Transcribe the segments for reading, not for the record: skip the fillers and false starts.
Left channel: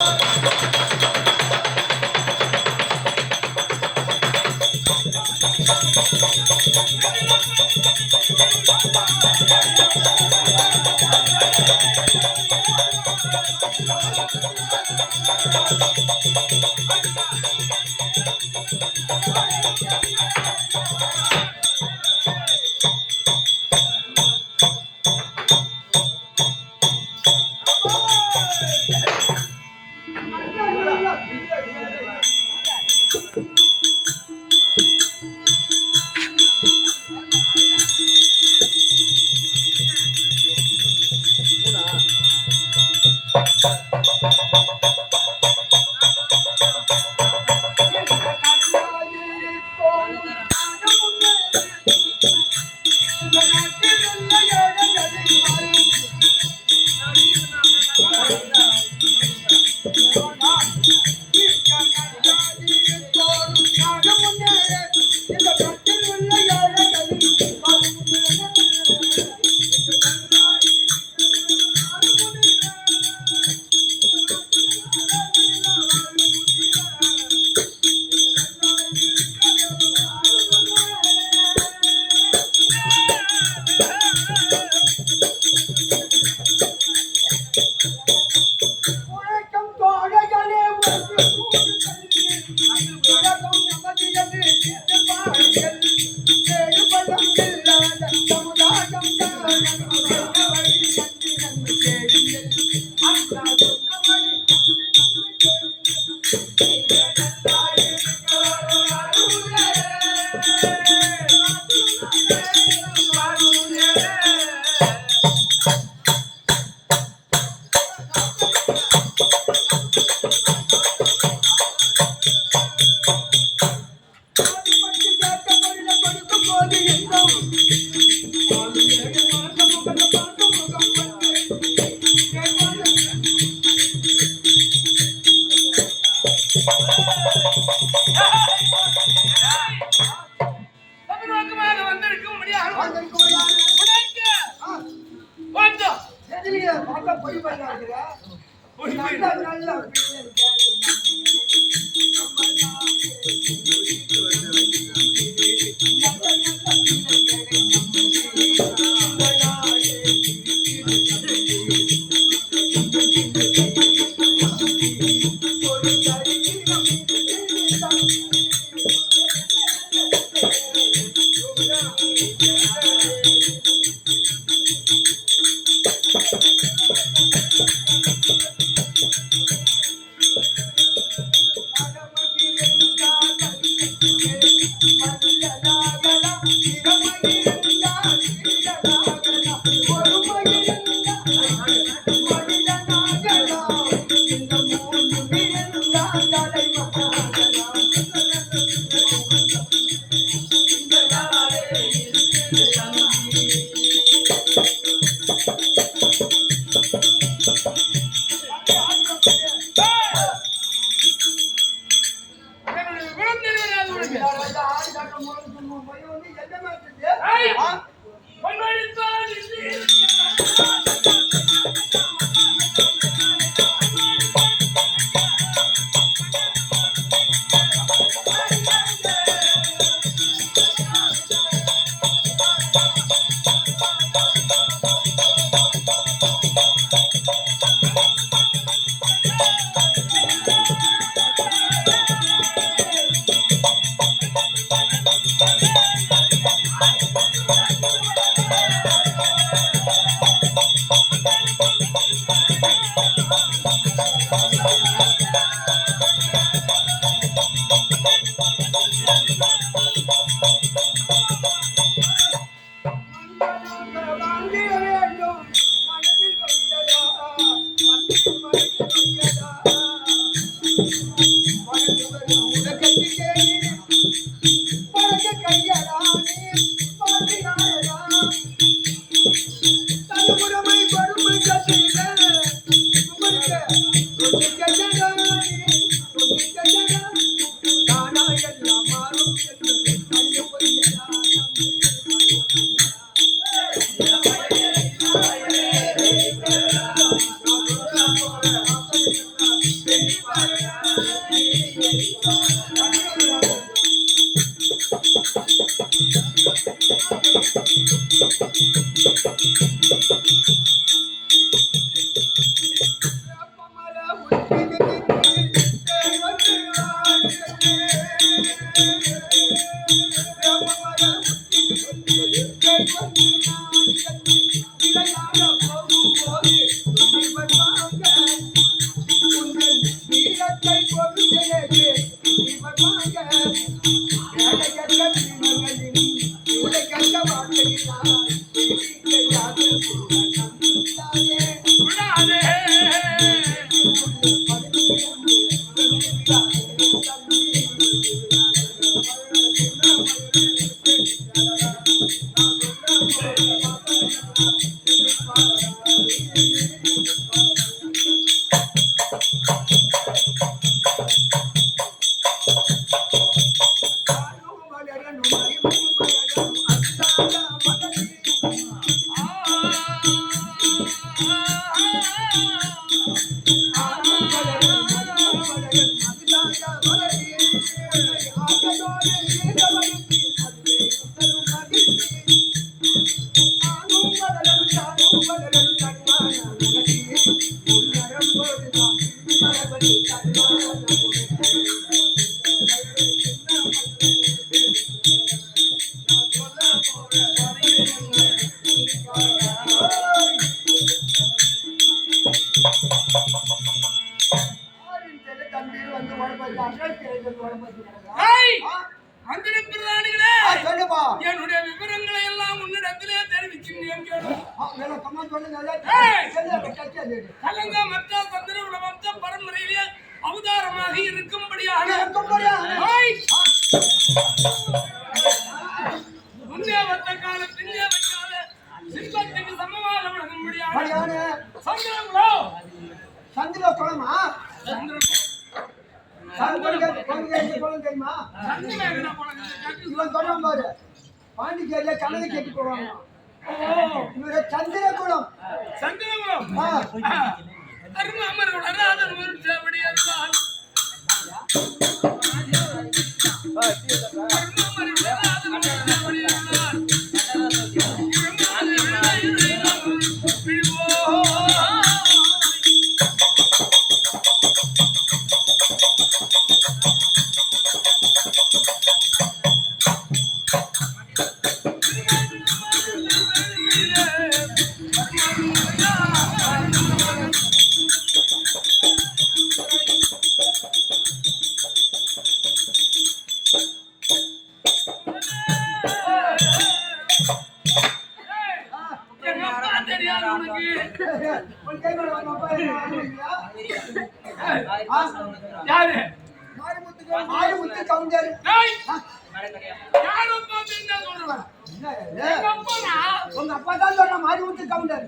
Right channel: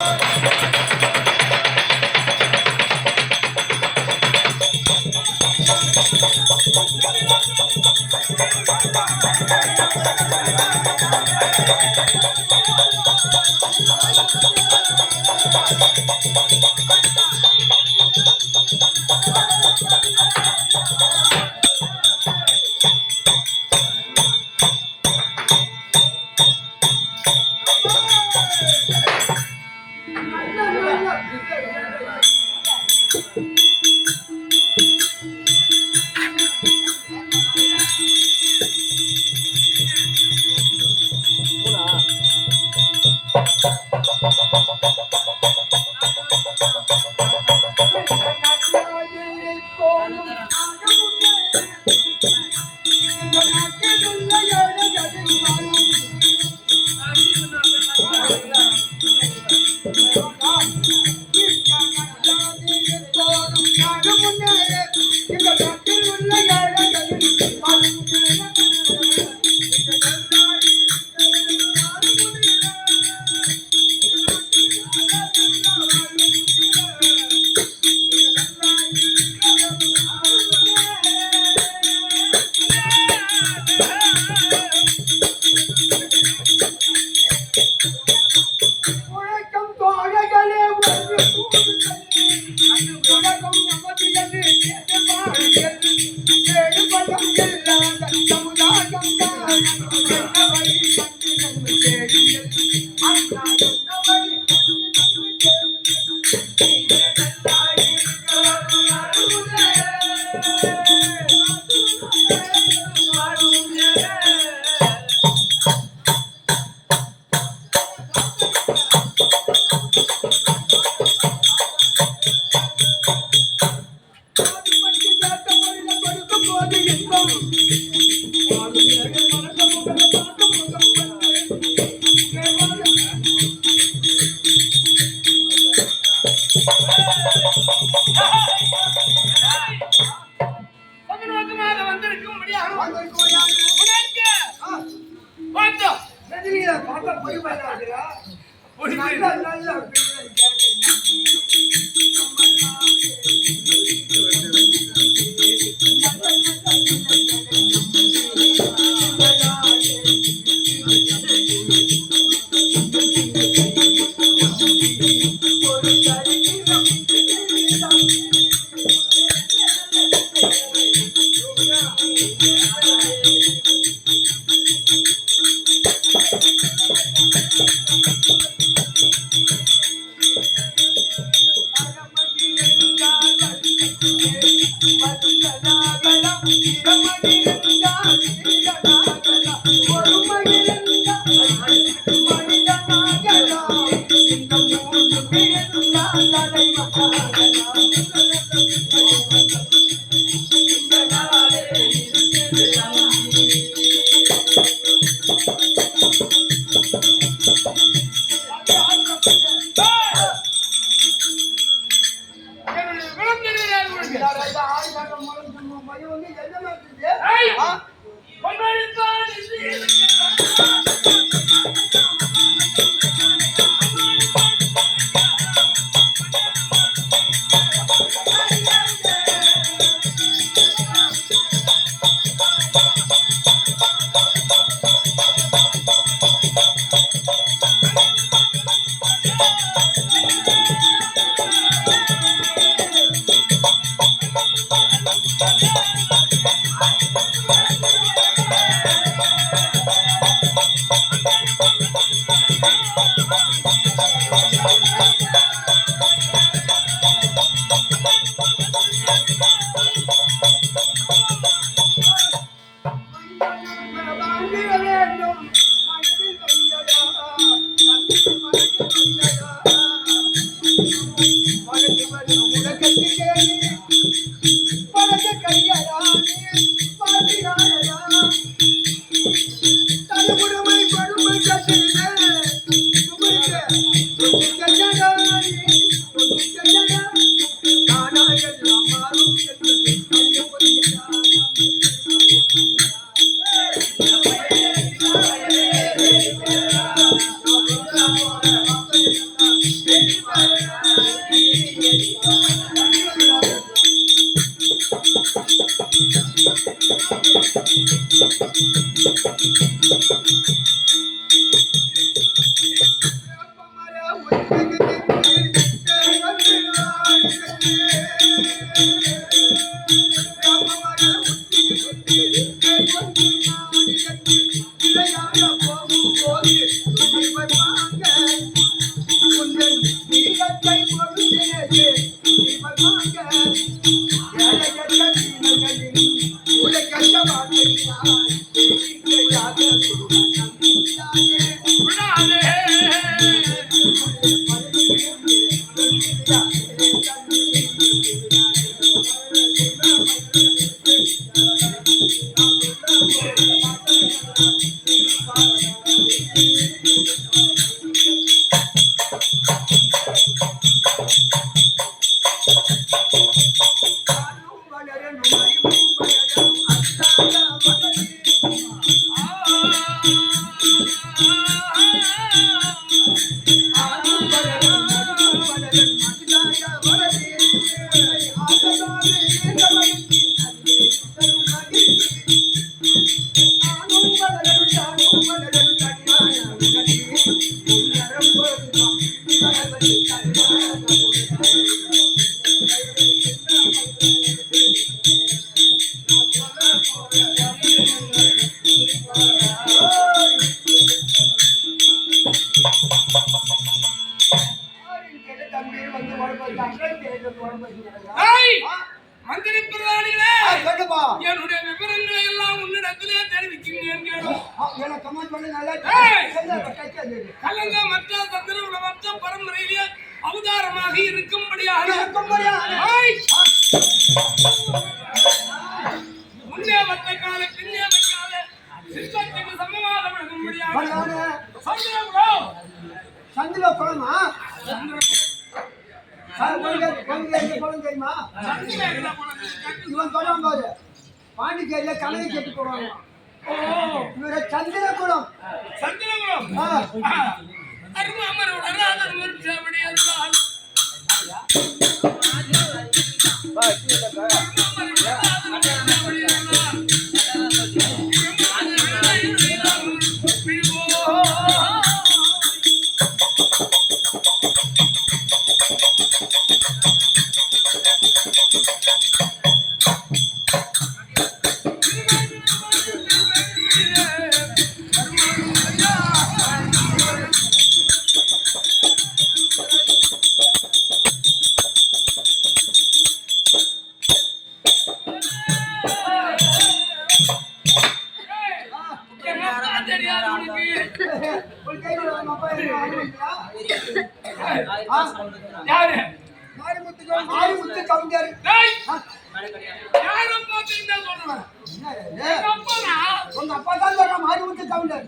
Thank you. மந்திரி பிரதானிகளே, என்னுடைய விவரங்களை எல்லாம் உன்னிடத்திலே தெரிவிக்கிறேன். கலங்க மற்ற சந்திர வம்ச பரம்பரையிலே அவதாரமாக இருக்கும்படியாக முன்னே வந்த கால பின்னே வைக்காத சிற்பத்துக்கு சமமாக விளங்கும்படியாக சந்திரகுலம் சந்திரகுலமா பாண்டிச்சேரியில கனகை செட்டு போடுவாங்க. சந்திரகுலம் சந்திரகுலம் மாரிமுத்து கவுண்டர் உங்க அப்பா தான் சொல்ற மாரிமுத்து கவுண்டர்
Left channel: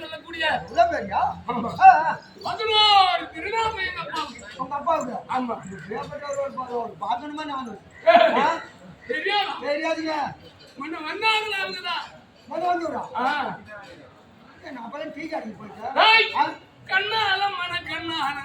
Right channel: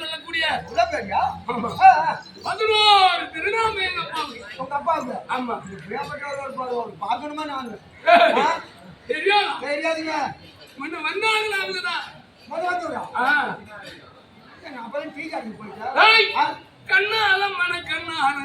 சொல்லக்கூடிய திருநாம எங்க அப்பாவுக்கு. ஆமா, பாக்கணுமா நானு தெரியாதா? தெரியாதுங்க. முன்ன வந்தாங்களா அவங்கதான் வந்துடுறா. அப்பதான் டீ காட்டுக்கு போயிட்டேன். கண்ணால மன கண்ணால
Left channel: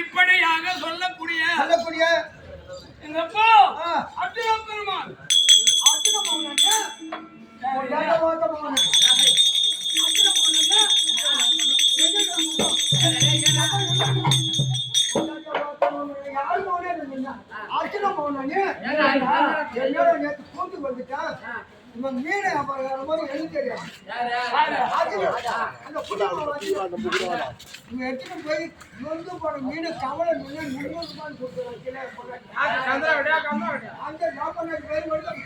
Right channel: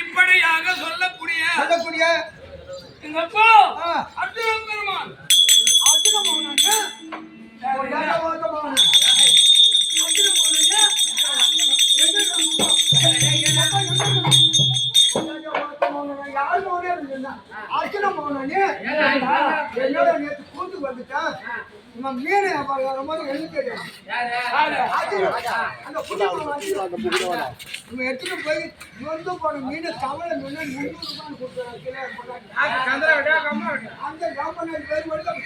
இப்படியாக சொல்லக்கூடிய எங்க அப்பா அர்ஜுன பெருமான் கூட்டு வந்துட்டான் இவன் மீனை வரும்போது எழுதி தெரியும் அந்த இவன் எடுத்துட்டு போய் நொந்து போன மீனை கவலை நின்று 300 ரூபான்னு கொடுத்துறான் கிலோ அந்த கம்பெனி பேர் மட்டும்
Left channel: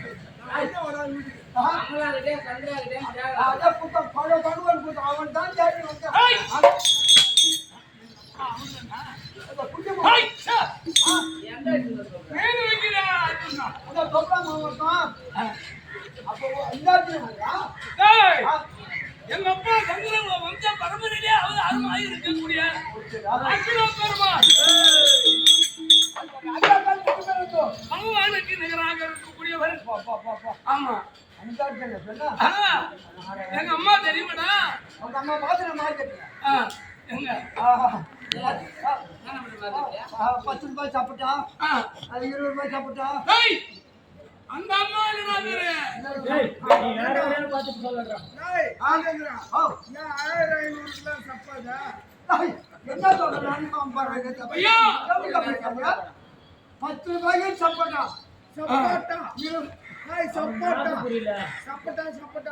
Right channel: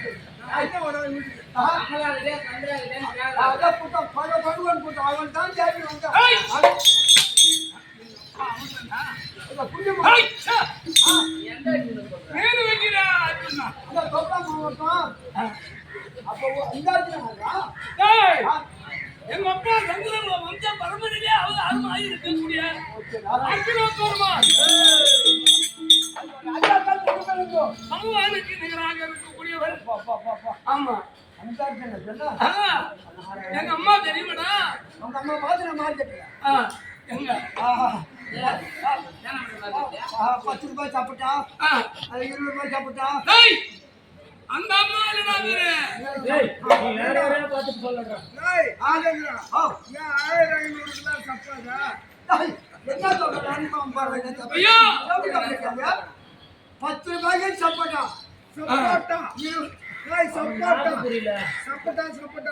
அதான் கூட்டம் பல பகவான் கூட்டம் அவன் தான் ஜாதி வந்தான் எங்க அப்பா சங்கரன் வம்ச பரம்பரையிலே அவர் அருமாய் இருக்கக்கூடிய அர்ஜுன பெருமான் பகவானுக்கு நிகராக இருக்கக்கூடியவர். ஆமா எங்க அம்மா தெரியுமாடா? உங்க அம்மா பாத்து நான் மார்க்கெட்ல எங்க 10 ரூபாய் சாப்பிட்டா 20 ரூபாய் சாப்பிட்டா அந்த அம்மா பார்த்துட்டு சொல்லுறேன் என்ன சொல்றேன் 10 ரூபாய்க்கு சப்பட்டா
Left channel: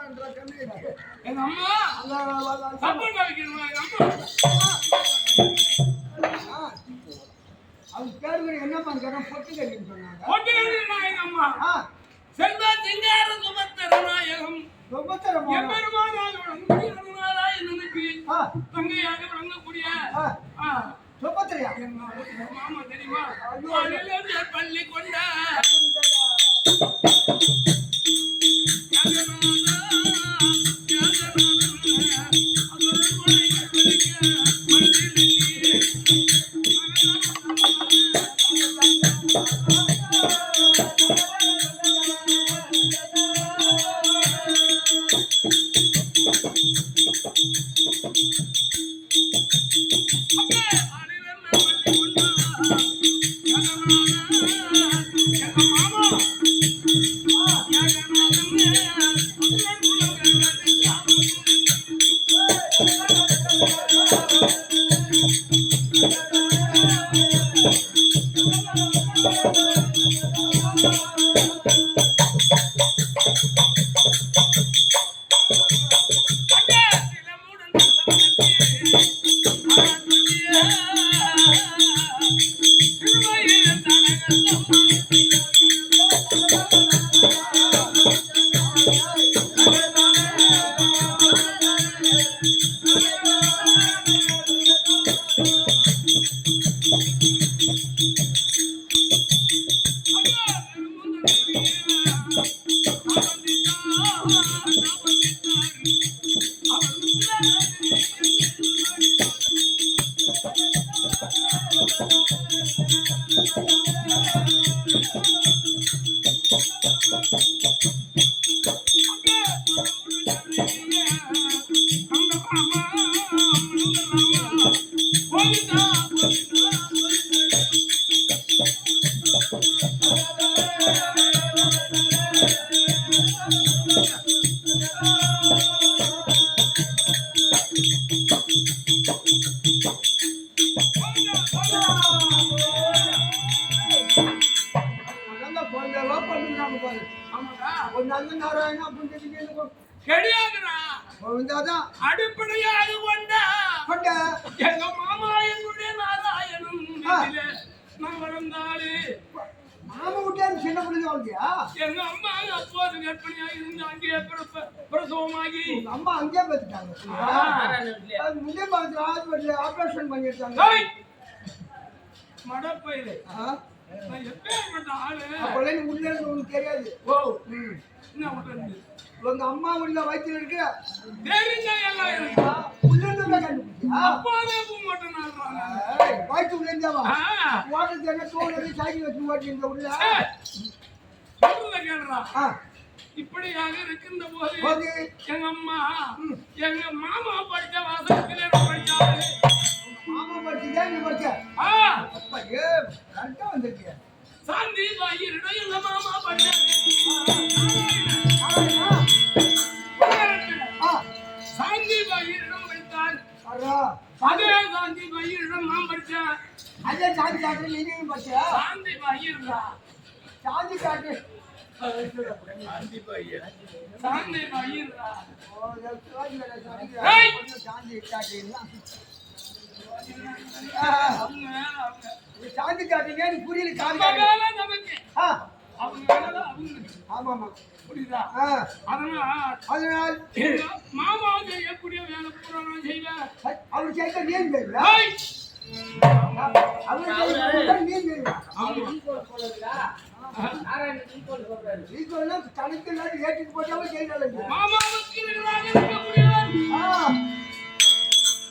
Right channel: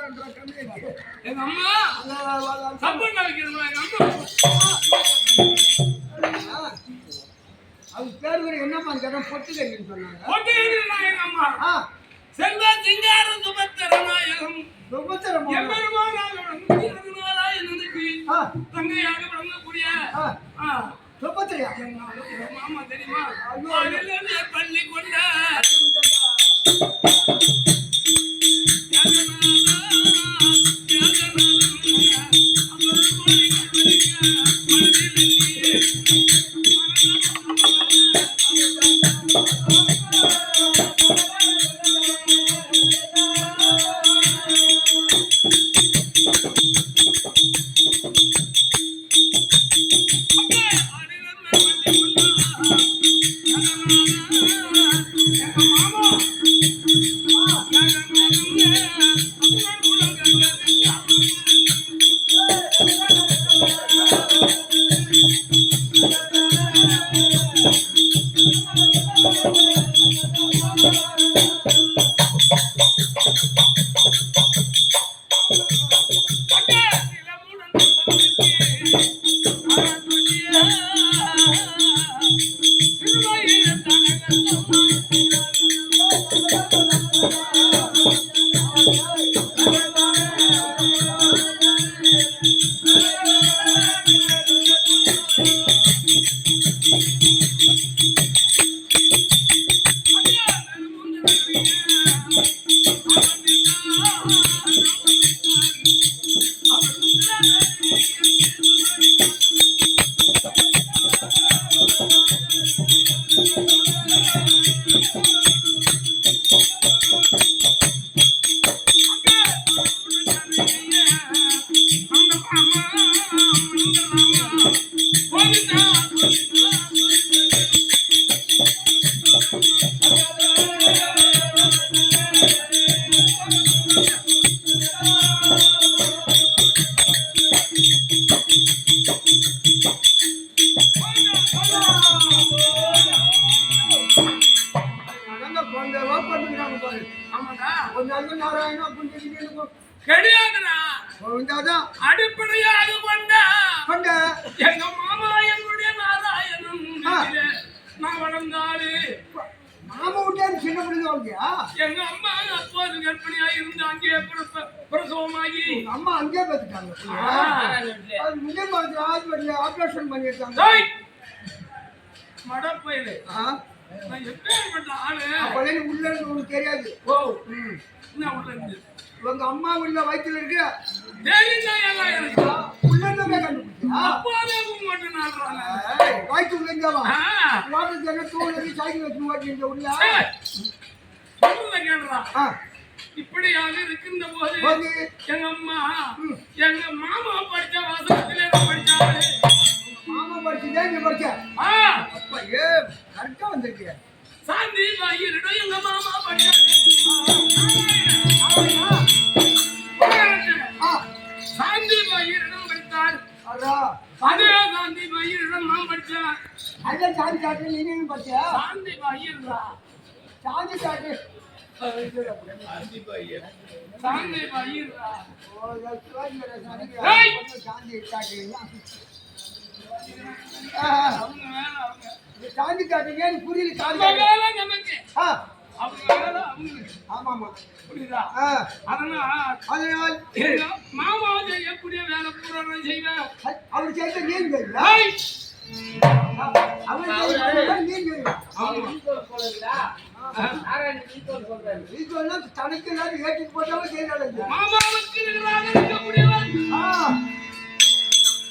எங்க அம்மா சப்பட்டா வைக்கணுமா? எங்க அம்மா அவங்க பேரு என்னப்பா கேட்டா பொட்டு கட்டின்னு சொன்னாங்க. பொட்டு கட்டினா எங்க அம்மா செல்வ சிங்கார சுபத்திரநாயகம் தங்கையாக விளங்கக்கூடிய சுபத்திரையா மாமா தெரியுமா? பள்ளி கொண்ட அடிப்படையாக கொண்ட எங்க மாமா எங்களுடைய நாராயணன் நான் வளர்ந்தாரு மாமா விட்டே சின்ன பிள்ளை வாழ்க்கையா? எங்க அம்மா அப்போது கர்ப்பிணியாக இருந்து அங்கே பிரசவமாகி அம்மா அங்கேயே பார்த்துட்டாங்க. அது முன்னே பார்த்து ஹாஸ்பிட்டல் ஆப்ரேஷன் பண்ணிருக்காங்க. மடப்பயிலே நான் எப்பேற்பட்ட ஆளு. அப்போதே நீ உள்ள இருந்து உனக்கு தெரியாது. ஓ என்ன உள்ள இருந்து உங்க அம்மா உள்ள வயிற்றுல இருக்கு தெரியும் எல்லாம் எனக்கு உள்ள இருந்து கண்டுபிடிச்சா அப்பாவே மட்டும் நாடுறாங்க. வயிற்று உள்ள இருந்தாவா வாட்டர் என்ன தோல் வச்சு சைக்கிள் வச்சு ஓட்டிங்க உள்ள கேடுறா. இப்படியாக இருக்கின்ற போது எங்க அம்மா எங்க மாமா படிச்ச வாசகத்திலே படிச்சாரு. மாமா படிச்சுதான் இங்க படிச்ச அப்பா ஏ கரெக்டா வந்திருக்கிய. சாந்தி பாயிரிடம் எங்க மாமா படிச்சாரு. சாந்தி பாயிரிடம் படித்தார். அதே சாந்தி பாயிரிடம் நான் படிச்சேன். அதே சாந்தி சாட்டு நீங்க படிச்ச சாந்தி பாயிரா சாந்தி சாட்டு சாந்தி பாயிரா சாந்தி சாட்டு அவங்க வேலை அவங்க சாந்தி சாட்டுங்க புரியல காது வேலை நமக்கு அவங்க வேலை அவங்களுக்கு. ஆமாமா புரியுதா? அதனால் எங்க மாமா செய்யக்கூடிய வேலை பூரா நான் செய்வேன். அவர் செய்த நீங்க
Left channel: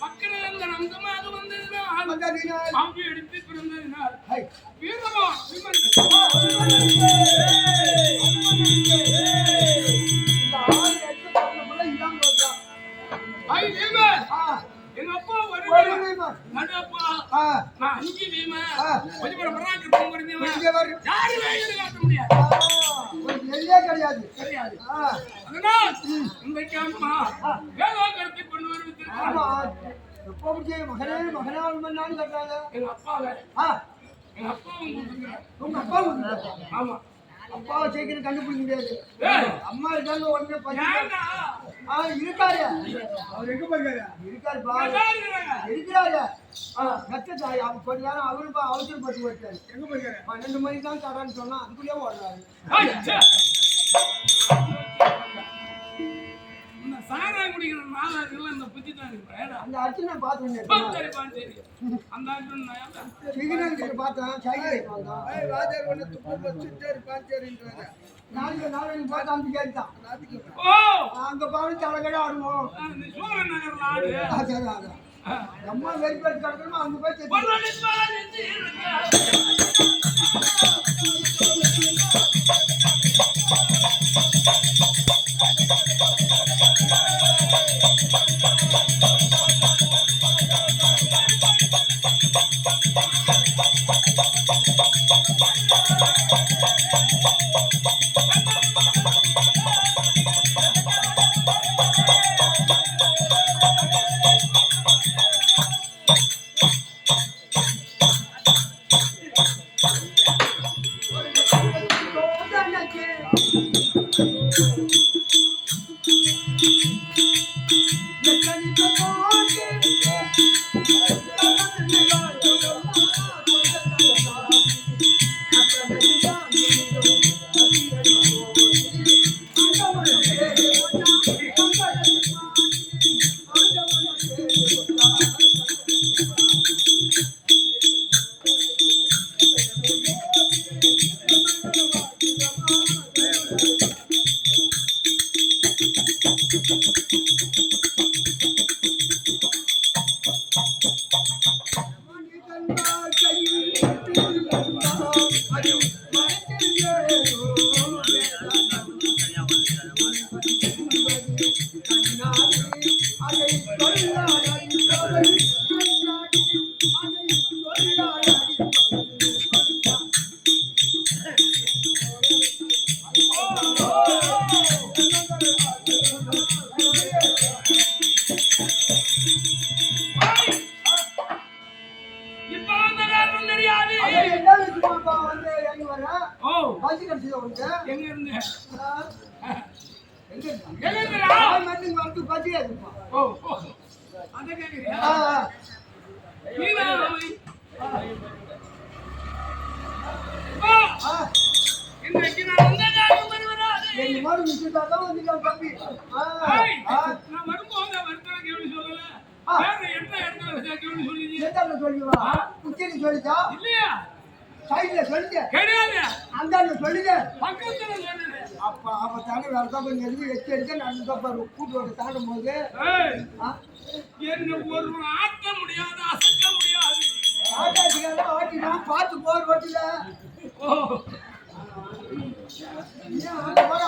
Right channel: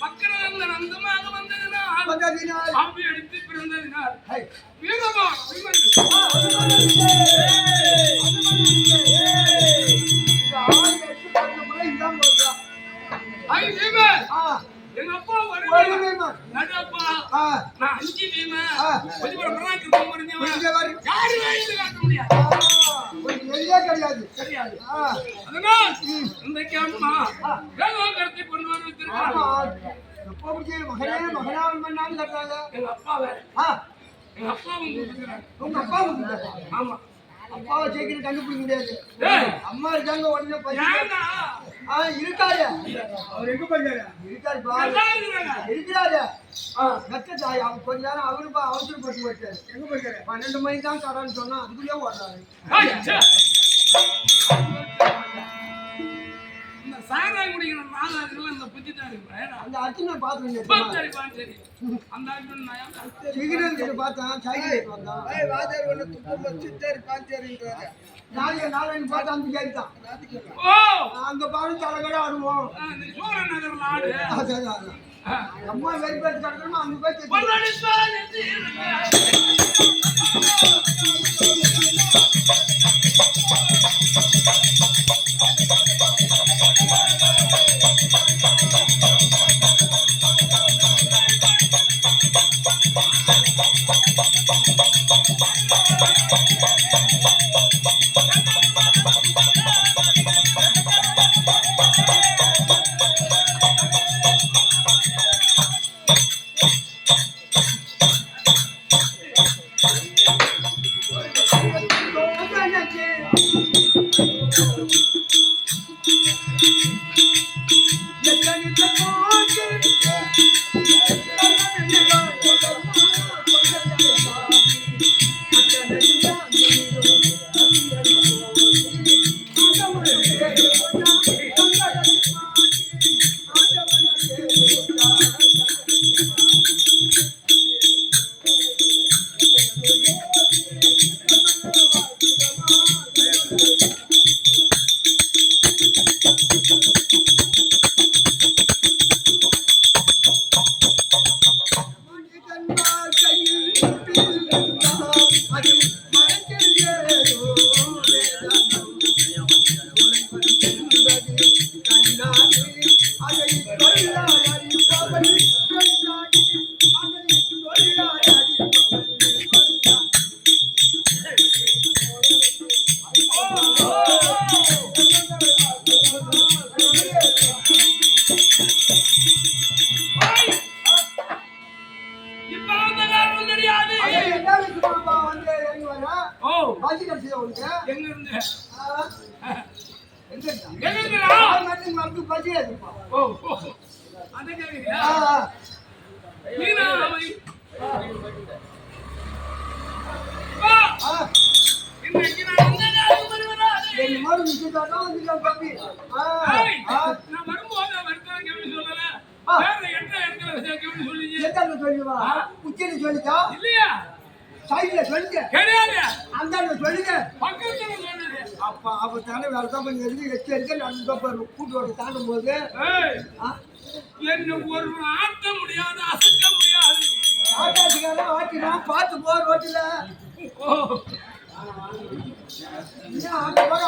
மக்கள் அந்தமாக வந்ததினால் அவை எடுத்து பிறந்ததினால் வீரமா எங்க அப்பா நடுப்பா நான் 5 வீமா கொஞ்சம் பராக்கிரமம் யாரு வேலையில காட்ட முடியாது கிடையாது கிடையாது. அதனால் இன்றைக்கு அம்மா வேதோ கருத்தை கொண்டு வருவித்திருக்காங்க. மகனே மகனாவும் பண்ணான்னு கட்டுறாங்க. எங்க அப்பாவை எங்க அப்பாவும் கூப்பிட்டுக்கிறாங்க. உங்க அப்பா கூப்பிட்டு ஆமா அப்பாவை சீக்கிரம் கண்டுபிடிக்க முடியாது. அம்மா இருக்காங்க உடனே இருக்காரு. அவர் எங்க போயிருக்காரு? இருக்காரு இருக்கிறாரு. அவங்க கொஞ்ச நேரம் அவரு அவசரப்பட்டு போயிட்டாரு. எங்க போயிருக்காரு? 12 மணிக்கு தான் கடான்னு சொன்னா அதுக்குள்ளேயே ஓடுறாரு. சாராயம் குடிக்கிற நாளாக இந்த புத்தி தான் அந்த அர்ச்சனை பார்த்து சரி அந்த சிக்னல் கிட்ட பார்த்தேன் சைக்கிள் வந்தான் நாளைக்கு பார்த்து அந்த கேட்டு தான் அங்க பாரு தலைகடை ஆடுவோம். நகர்ல ஆடு அம்மா வெறிப்பேட்டு கிடக்கணுமா அங்க போய் எங்க இருந்து தான் வந்துட்டான் தம்பி. நான் வரும்போது வருத்தம் கேள்வி சொல்லல. வேற என்ன இடத்துல கேள்வி சொல்லிங்க? எந்த சொல்லுவா? உச்சில சொல்லிச்சா? இல்லையா? சைடுல சொல்லுங்க. கிடையாது. அந்த சொல்லுங்க. பக்கத்துல சொல்லுங்க. அப்ப தானே வேற தான் கொஞ்சம் எச்சரிக்கை நடந்து பாரு. கூட்டோட தாண்டும் போது என்ன ஒரு ஆட்ட முடியாது, அசைக்க முடியாது. ஆட்டாச்சுக்கார ஆட்டினா பார்த்து போர் ஓட்டில. அந்த போற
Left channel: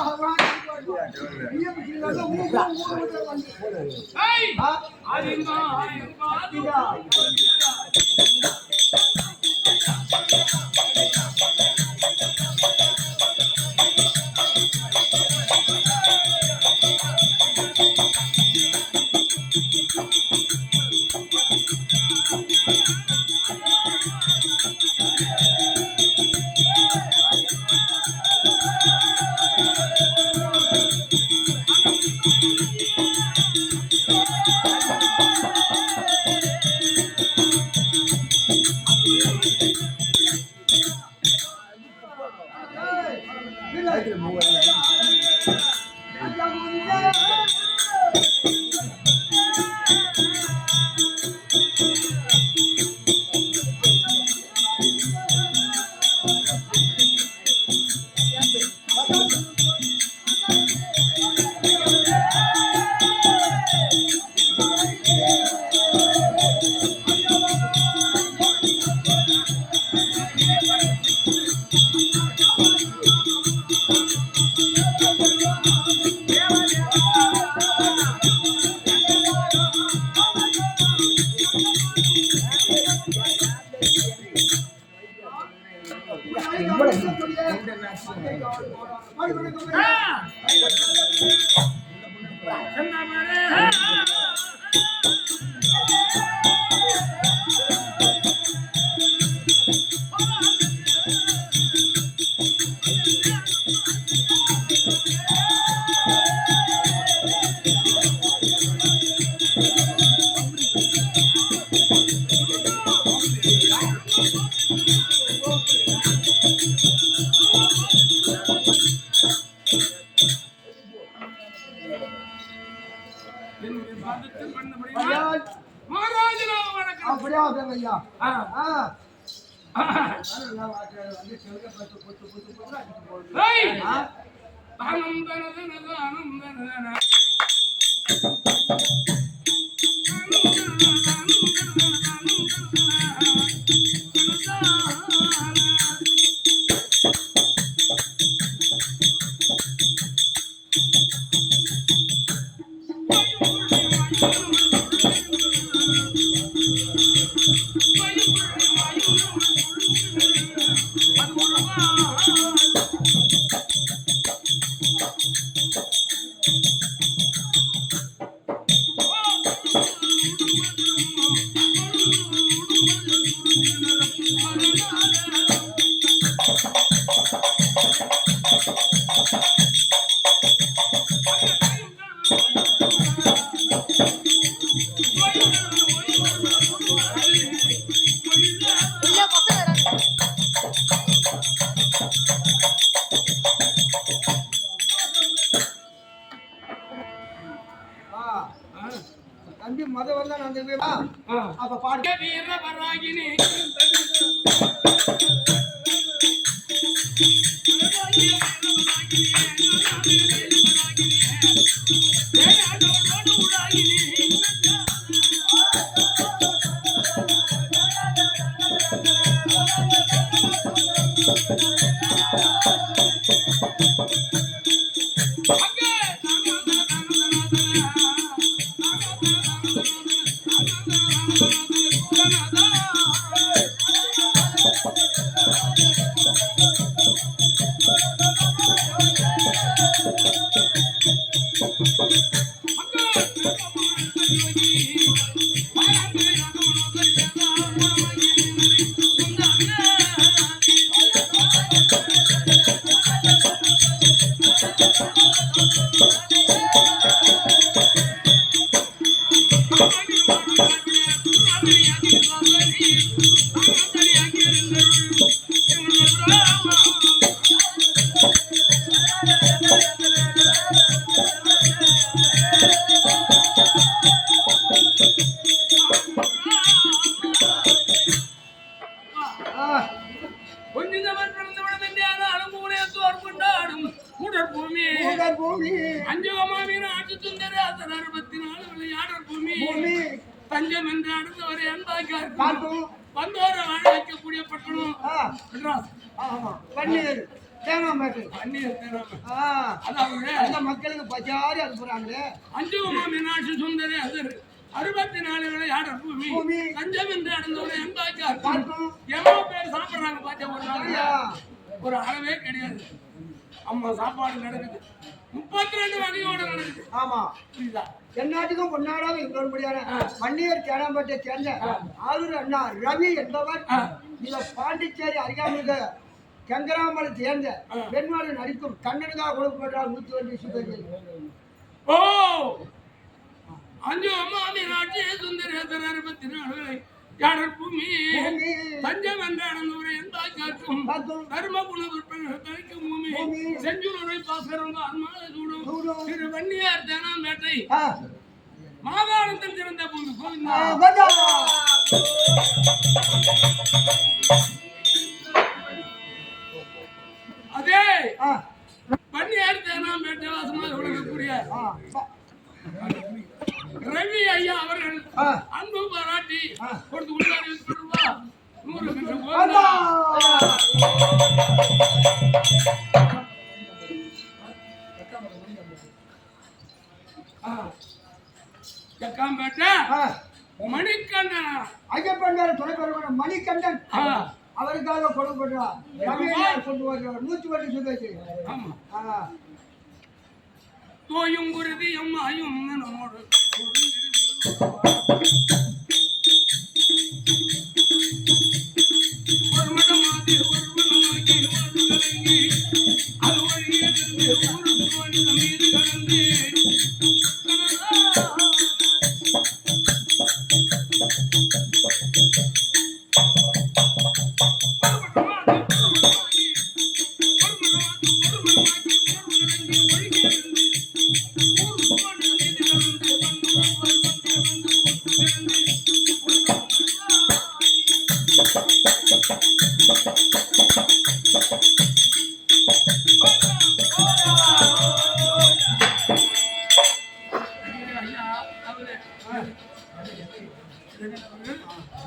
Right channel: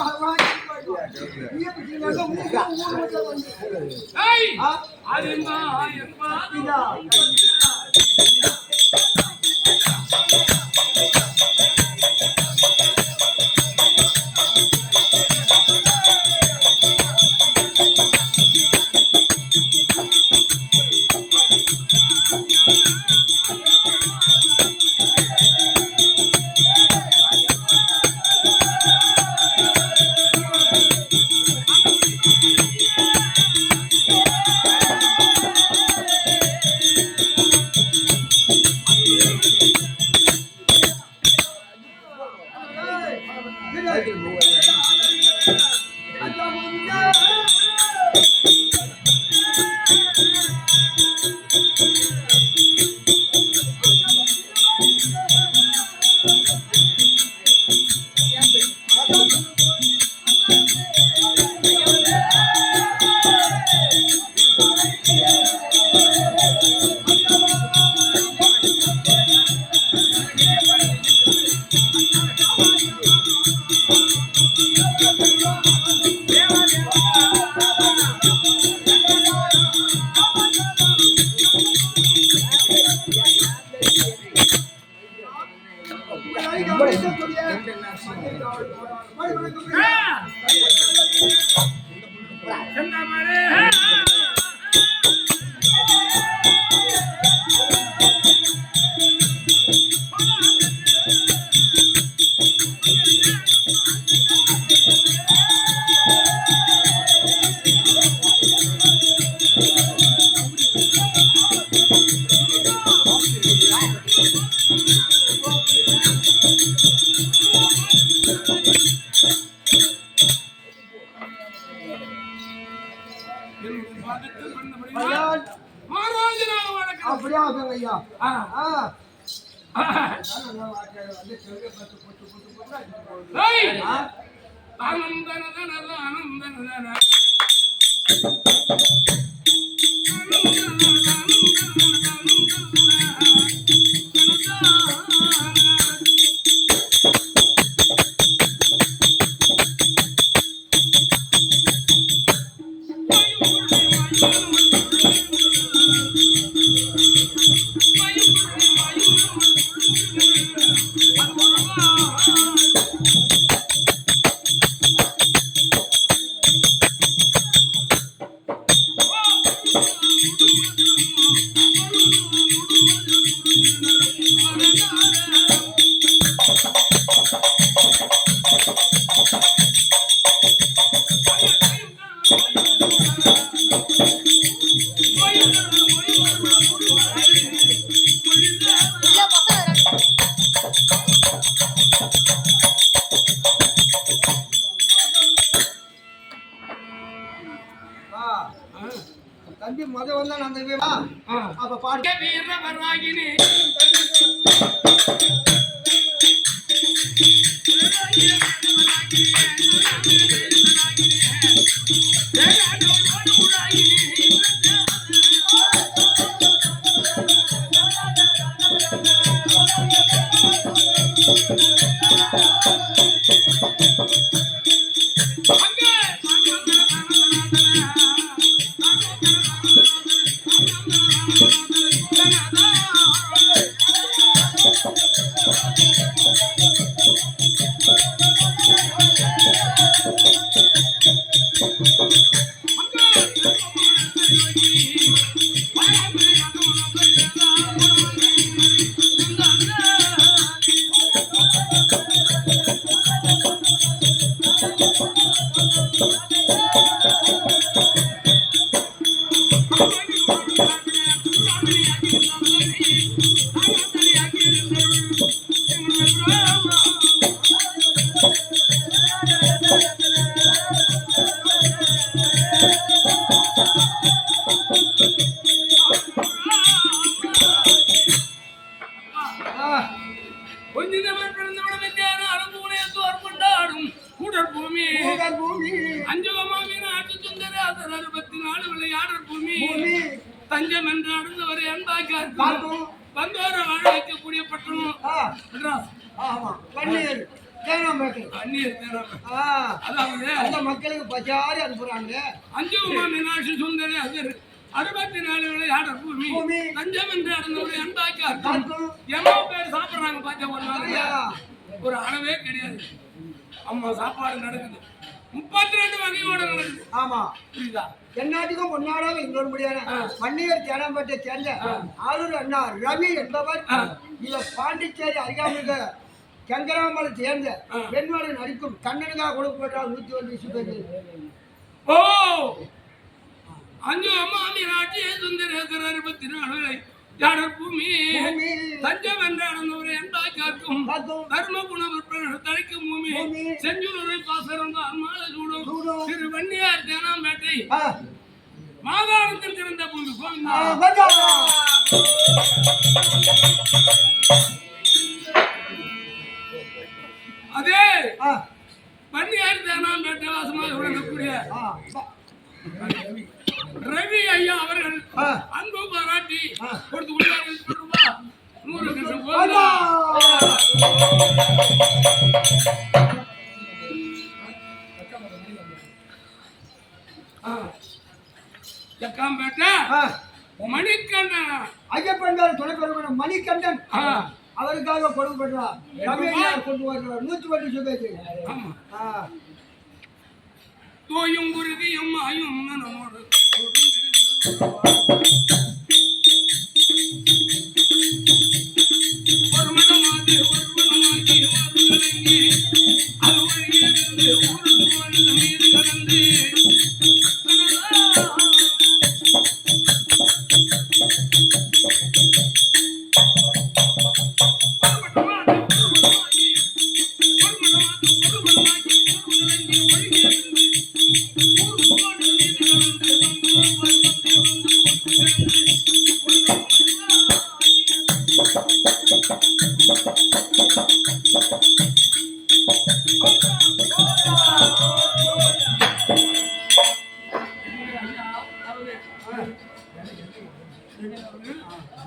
அப்படியா ஐயா? தம்பி மத வந்தா நான் அப்ப பாட்டு வீரவராகினி ஜடர் பூமி அஞ்சகமாவின் ஆட்சி சுந்தர அதர் 64 விளையாடர் பூமி தஞ்சம் என்று அடைந்தவரை அன்பாக்கார் வந்தோர வாழ வைக்கக்கூடிய பட்டணம் மெட்ராஸ். ஆமா பன்னீர் தேனாம்பேட்டை அதாவது அந்த மக்களுக்கு பச்சாரி அனுப்புறாங்க. அஞ்சகமா மீனாட்சி சுந்தரி அதர் 64 விளையாடர் பூமி தஞ்சம் என்று அடைந்தவரை அன்பாக்கார் எவ்வளவு பேர் சாப்பிடுறாங்க பாத்தியா ஒரு நாள் ஒரு அளவே கிடையாது. அம்மா சாப்பாடு நடக்குது 32 வகையோட நடக்குது. ஆமா புரியுதா? எந்நாட்டுக்கும் பொன்னாடாக இன்னொரு முடியான மன்னியர் தேனாம்பேட்டை சேர்ந்த ஆரூர் அண்ணா ரவி என்பவர் இவ பாண்டிச்சேரி அருகாமிக கங்கராமலை சேர்ந்த பெண்வாடு நடிக்கும் கண்ணனுக்காக கொடுக்கப்பட்டால் 120 சுபதி. ஓ அஞ்சு அம்மா மீனாட்சி சுந்தரேசர் 64 யாடர் பூமி தஞ்சம் என்ற அடந்தவரை என்பாய்க்கும் தர்ம குண விற்பனர் தழைக்கும் பூமி செஞ்சூரை பாசரம் அன்மால சூடும் திரு வன்னியார் தேனாம்பேட்டை மாகாணத்தில் திறந்த பூமி கோவிந்தா. அதே வன்னியார் தேனாம்பேட்டை வாசமாக விளங்கக்கூடிய ரவி ஐயா அவர்கள் அன்பு பாராட்டி கொடுத்து உள்ளாரி 100 லட்சம் ஜக்காம்பேட்டை மணிகண்டன் ஐயப்பன் துணைப்பெருமன் மணிகண்டன் அவருக்காக கொடுக்கப்பட்டார். ரவி கொண்டு வருகிறார் 120 சுபதி. தோயும் குருதியும் ஆயும் நம்மோடு ஒரு மடமாதி ஒரு மனமாகி ஒரு கலங்கி அது வழியே வந்து ஊருக்கு வந்த மீது கலந்து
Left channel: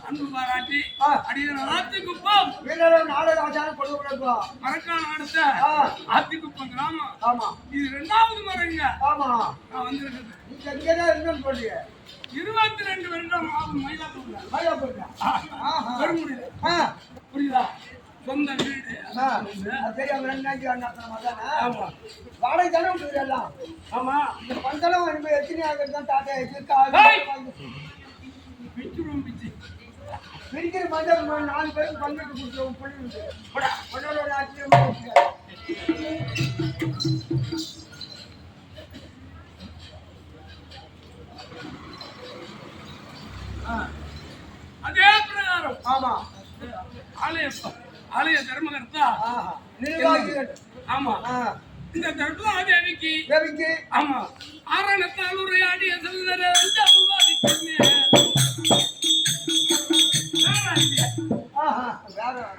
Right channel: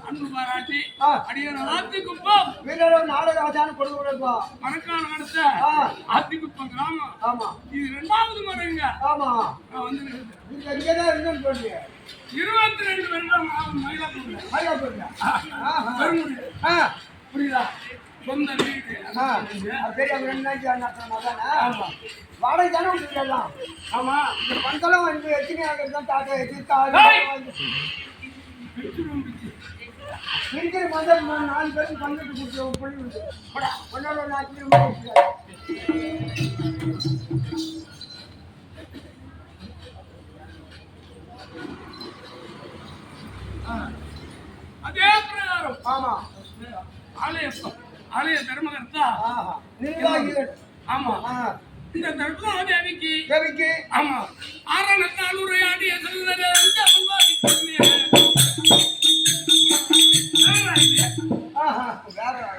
அன்பு பாராட்டி அடியான ஆத்துக்குப்பம் வீரர்கள் நாடக ஆச்சாரம் கொடுக்கப்பா மரக்கான அடுத்த ஆத்துக்குப்பம் கிராமம். ஆமா இது 2வது முறைங்க. ஆமா நான் வந்திருக்கேன். நீங்க இங்கதான் இருந்தேன்னு சொல்றீங்க. 22 வருடம் ஆகும் மயிலாப்பூர்ல பெருமுடியில. புரியுதா? சொந்த வீடு வாடகை தானே விட்டுருக்கு எல்லாம். ஆமா இந்த பந்தளம் எத்தனை ஆகிறது தாத்தா இருக்கிற மந்தம் 4 பேரும் பங்கிட்டு கொடுத்து பண்ணி ஒன்னோட அதே பிரகாரம். ஆமா ஆலய தர்மகர்த்தா நிர்வாகிகள். ஆமா இந்த தர்ம தேவிக்கு ஆமா ஆரணத்தால் உரையாடிய செல்வர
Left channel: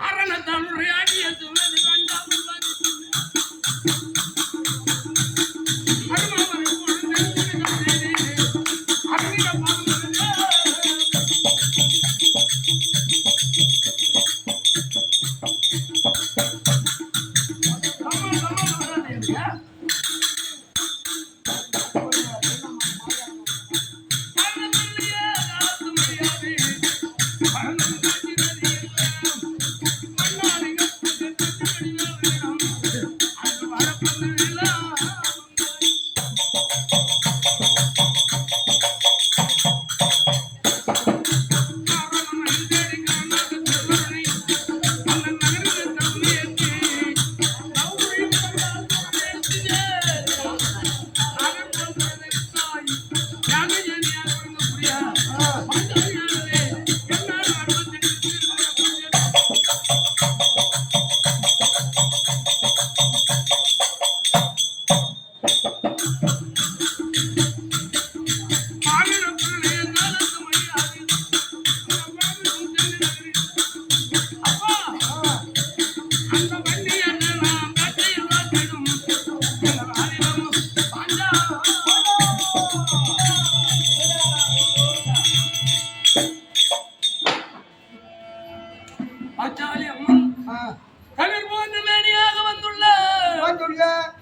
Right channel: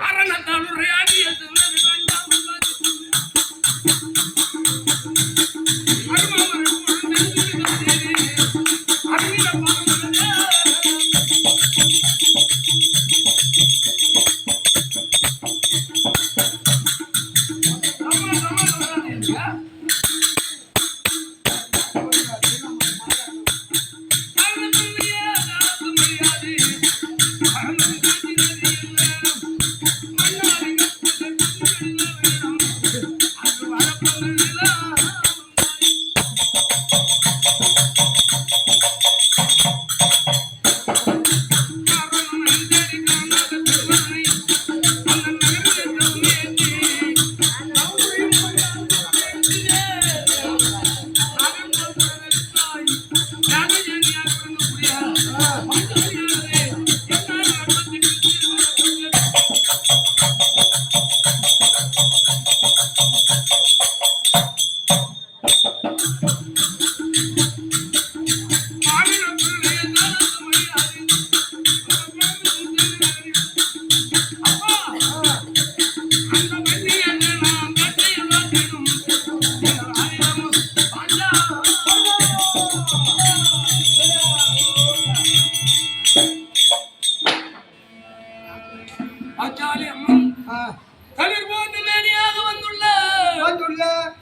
ஆரணத்தால் உரையாடிய செல்வர வரப்ப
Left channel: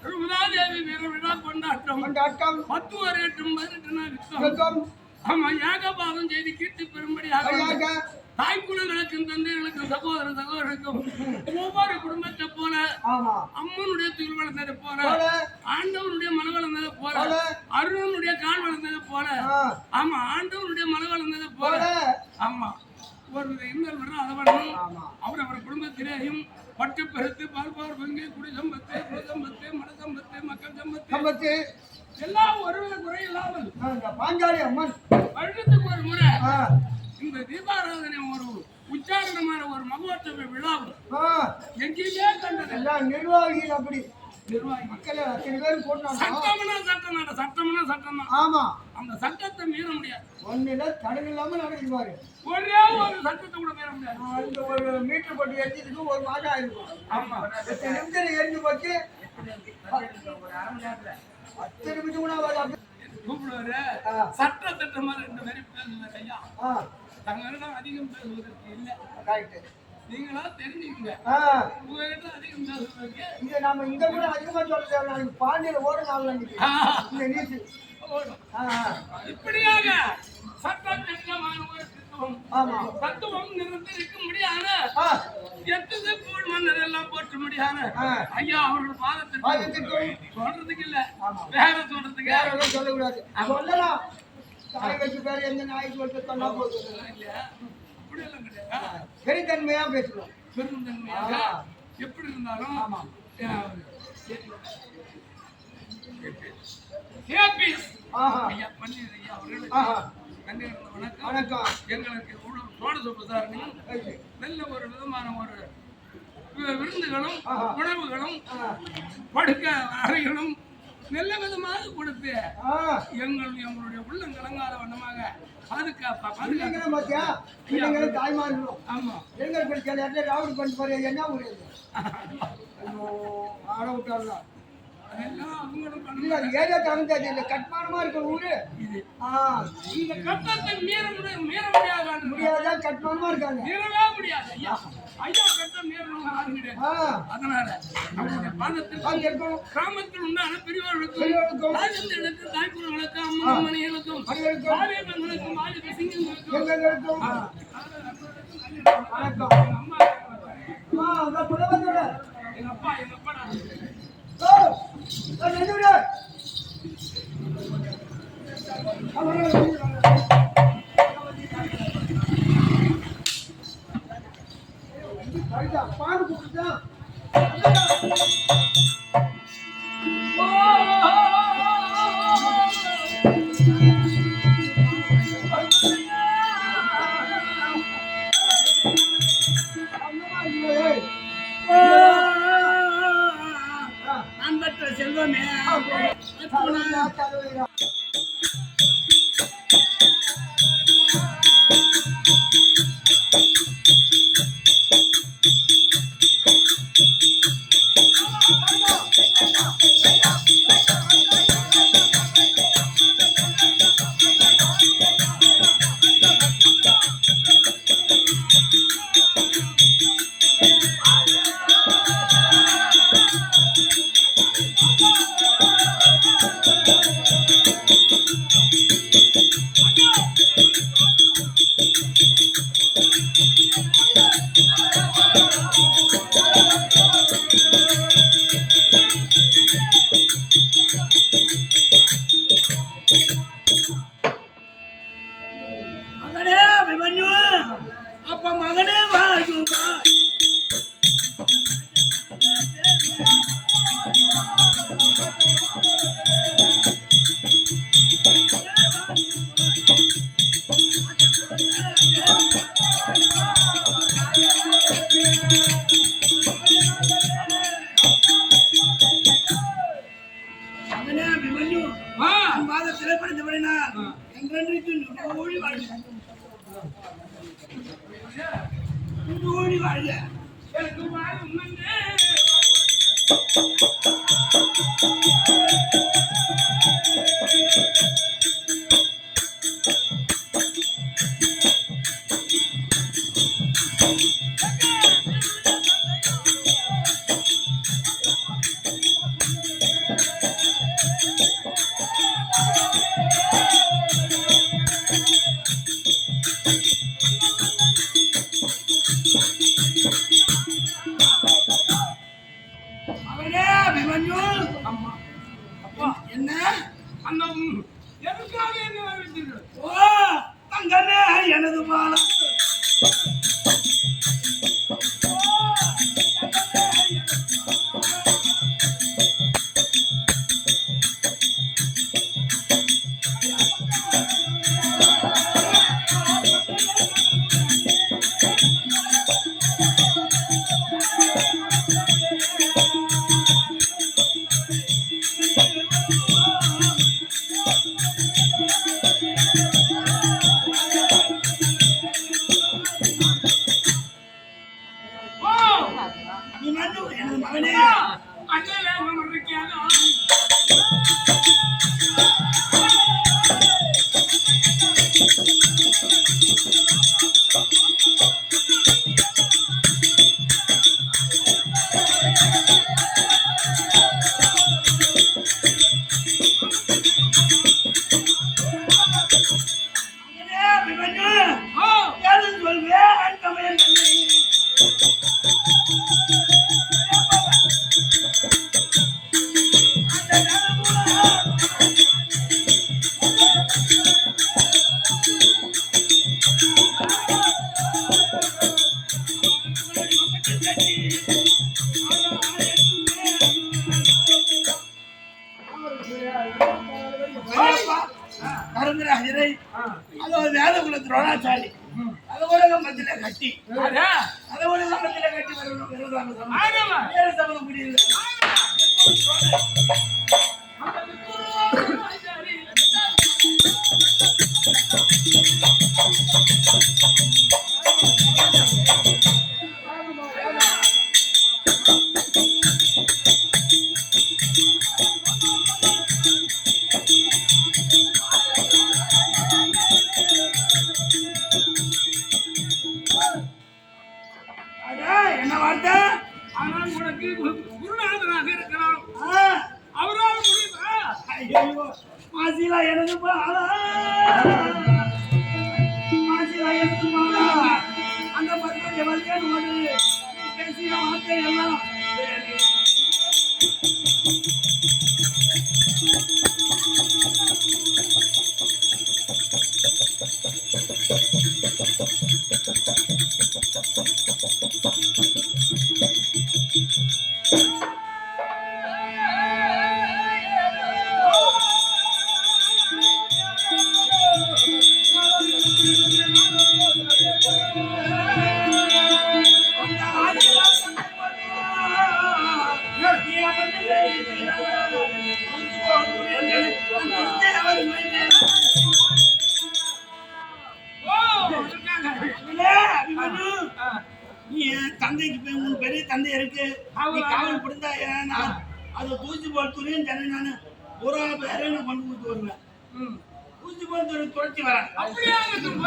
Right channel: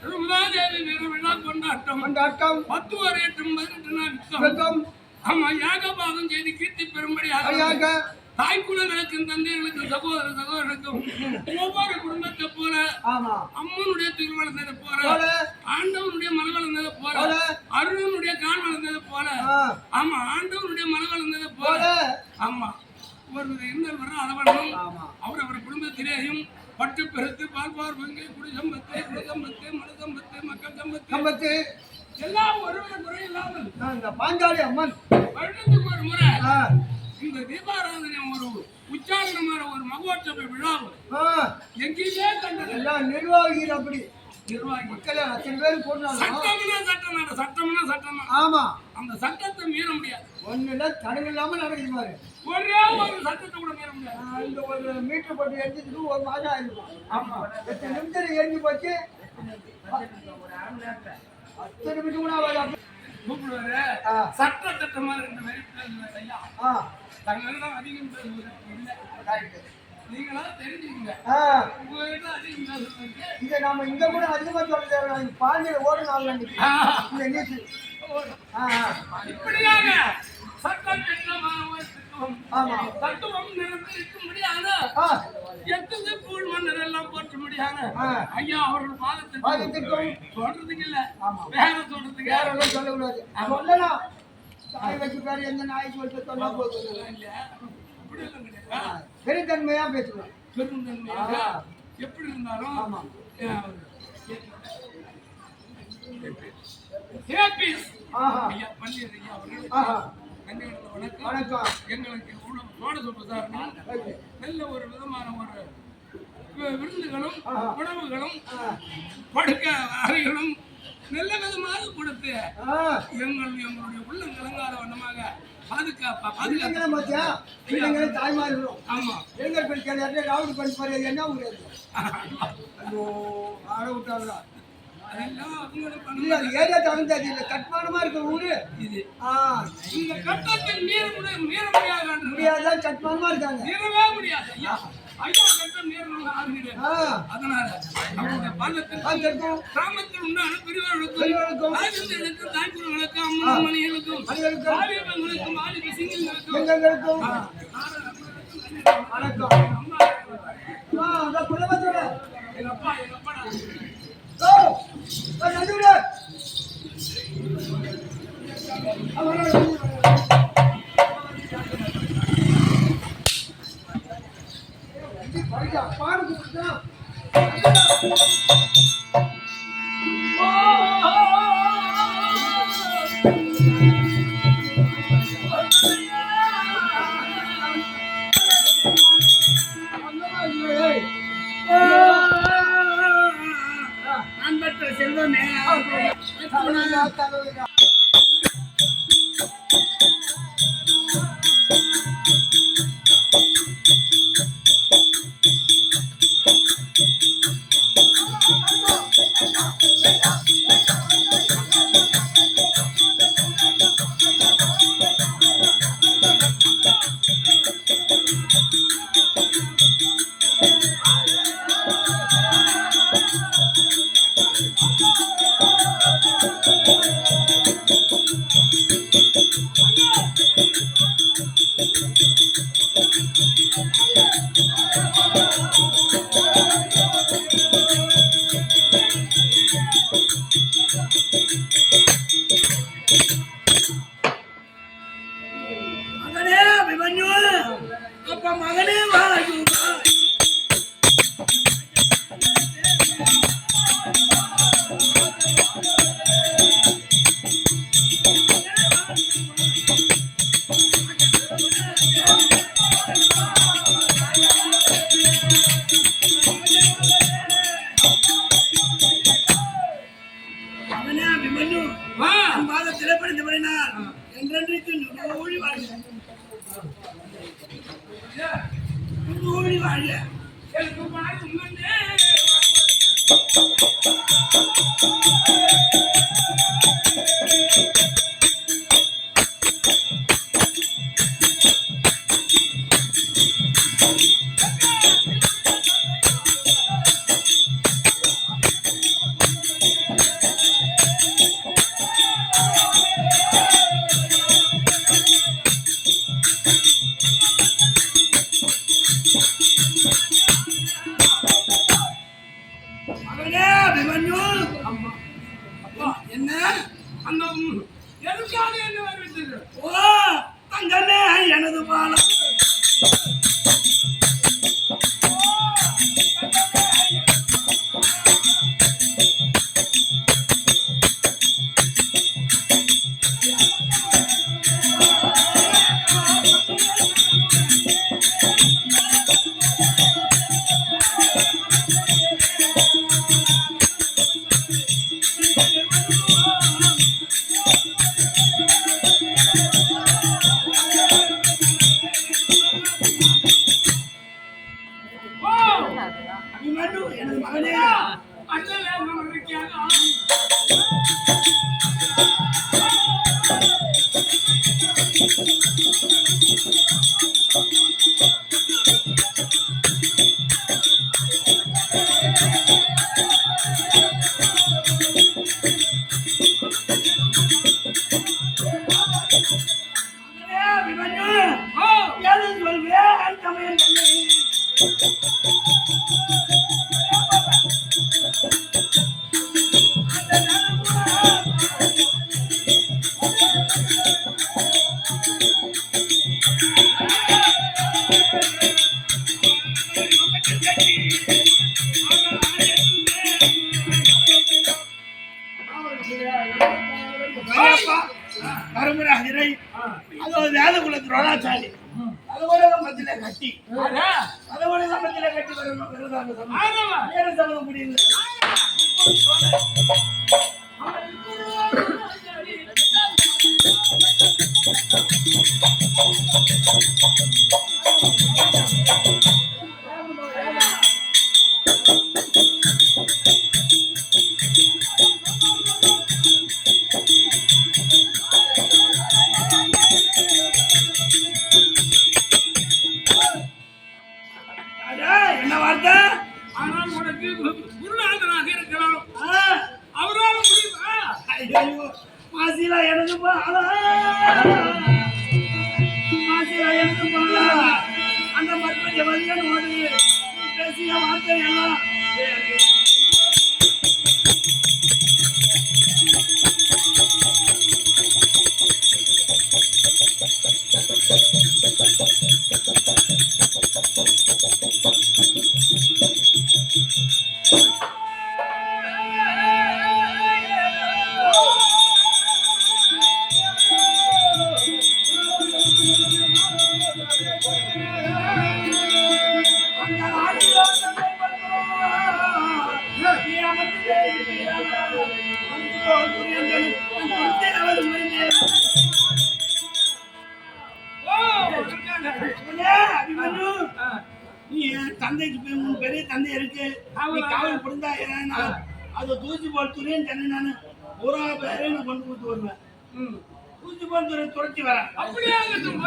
திருமதாதேவி வீர விழா கொண்டாட்டம் 10 ஒரு 8 18 நாள் யுத்தம். ஆமா யாகபாதம் செய்து கீர்த்தி பெறும்படியாக தாய்க்குலங்களுக்கும் தந்தைகளுக்கும் சகோதர சகோதரருக்கும் ஒவ்வொரு குடும்பத்தை போல அம்மனுடைய துயில் வளர்ந்தது போல ஆண்டவனுடைய மன வளர்ந்தது போல அருணனுடைய கால் வளர்ந்தது போல ஆமா ஆண்டவனுடைய மன வளர்ந்தது போல ஆமா ஒரு இன்னொரு வரும் அதவனும் அவர் குடும்பத்திலேயும் பட்டு பெருத்து பால்பார் பங்கு குடி சம்பத்து குடி சம்பத்து மன சம்பத்து மக்கள் சம்பத்து எல்லாம் ஒருவித குறை இல்லாமல் பாஞ்சாலி அம்மன் வருடத்துக்கு ஒரு முறை இந்த தீபாராதனை ஒரு உச்சாரணமான ஒரு மகோற்சவ விழாவும் எங்கேயுமே கண்டது எல்லாம் நிர்வாகிகள் அப்படி நிர்வாகி மக்கள் அத்தனை பேரும் போடணும். சட்டம்னா சட்டம் ஆமா அந்த சட்டத்தை மீற முடியாது. ஒண்ணுல தடங்கள் இல்லாம நடக்குது பாரு. ஒரே ஒரு சட்டத்தை கூட மீற முடியாது. இந்த ஒரு மீட்டர் போட்டு எரிஞ்சதுக்கு ஒரு மாதம் ஆயிருக்கும். ஆமா 10 நிமிஷம் எரிஞ்சு போச்சு. ஒரு அரை மணி நேரத்துல 10 நிமிஷம் கூட கூப்பிடுவாரு சட்ட திட்டமா 2 பேரும் ஐயா தங்கெல்லாம் அதிகம் பேசுவதற்கு இல்லை. நீங்களா தெரிஞ்சுக்கங்க. உங்ககிட்ட அதிகம் பேசுவதற்கு இங்க நாம இங்க கூட அதிகமா சொல்ல தேவை. பாண்டியில ஓட நாள் இந்த நீச்சு இப்படியாக சட்ட திட்டமான ஒரு திட்டம் தத்துவம் நிரம்பியிருக்க முடியாத எத்தனை கூழ் மன்னர் எல்லாம் போற்ற முடியாத ஐயா அவர்கள் பாதத்திற்கும் சொல்றதுக்கு இல்ல வேற சொல்றதுக்கு வேற சொல்லக்கூடாது. சொல்லலாம் தாய் வச்சு பேர் எந்த நாய்க்கு வச்சு சொன்னா போதும் இல்லையா? அப்படி எல்லாம் கிடையாது. பெருந்தன்மையா பேசணும். பெருந்தன்மையாக எப்படி இருந்தாலும் ஆமா ஐயா பன்னீர் ஐயா அவர்களுக்கு நன்றி வணக்கம். எங்களுக்கு சோடச பிரசாரணையும் நல்ல ஒரு விதமான ஒரு விருந்துகளும் உணவுகளும் படுக்க அறைகளும் நல்ல விதமாக கொடுத்து எங்களுடைய உள்ளம் கலங்காத வண்ணமாக தாய்மார்களும் ஆமா எங்கள் பெண் ராவுடி பண்ணி பாரு என்ன ஊரு ஆட விட்டாங்களா ஏரியா தகுந்தது இல்ல கட்மானமா இருக்க ஊரு இது இந்த கட்டத்தை மீற முடியாதான் கட்மானமா இருக்காங்க மீறவே முடியாது ஐயா ஐயா கட்டம் மீறணும் ஆளுங்கிட்ட அதனால நம்மளுடைய பாதத்திற்கும் கிராமத்தில் உண்டான பெரியவர்களுக்கும் தாய்தந்தைகளுக்கும் தாய்க்குறவர்களுக்கும் அம்மா மணிகளுக்கும் வாலிபங்களுக்கும் வாலிப சிங்கங்களுக்கும் வணக்கம் அம்மா எங்க அப்பா பாடு கொடுத்தான் அன்பற்ற செல்வமே மகனே அபிமன்யு அப்ப மகனே வாயு மகனே அபிமன்யு பாதத்தில் படித்தபடினால் என்றென்றைக்கு நூழி வாழ்க நூழி வாழ்க எனக்கு வாழும் அபிமன்யு அம்மா அப்பா என்ன அந்த எதுக்காக என்ன வரவேற்றீர்கள்? ஓ தங்கமே எனது பாலம் அபிமன்யு எனது மகனே அண்ணன் வேணும் இருக்கியாக மகனே அபிமன்யு ஏது சொல்வேன் தமையன் தன்னை கருமராஜரை அது வேத குல துரோணாச்சாரி கதவுலகம்பத்தில கட்டி கதவுலகம்பத்தில கட்டி வரணும் வேற சம்பந்தம் முடியல என்ன வார்த்தை ஆனால் உனக்கு குருநாதனாக இருக்கலாம் அவரால் முடியுமா? ஐயோ மாசிலா எனது பாலா மாசிலா எனது பாலா அந்த மர்மஜ வலியனோடு பேசிய வார்த்தை எல்லாம் அந்த ஆதிலா தன்னை நீ அமர்ந்திலே இருக்கிறாரா உந்து போல் புரியந்தேன் குருத்தே அவர் மைந்தே அபிமன்யு நீ தந்தைக்கு போய் உன் பெரிய தந்தை இருக்கு நீ காவல் புரிந்தா நான் அதை தூசி போல் துரியன் தன்னை நான் ஒரு பேரை நான் கொண்டு கொடுத்து வருவேன் தூசி போல் துறை துரைச்சி வரேன் அப்படியே ஆகட்டும்.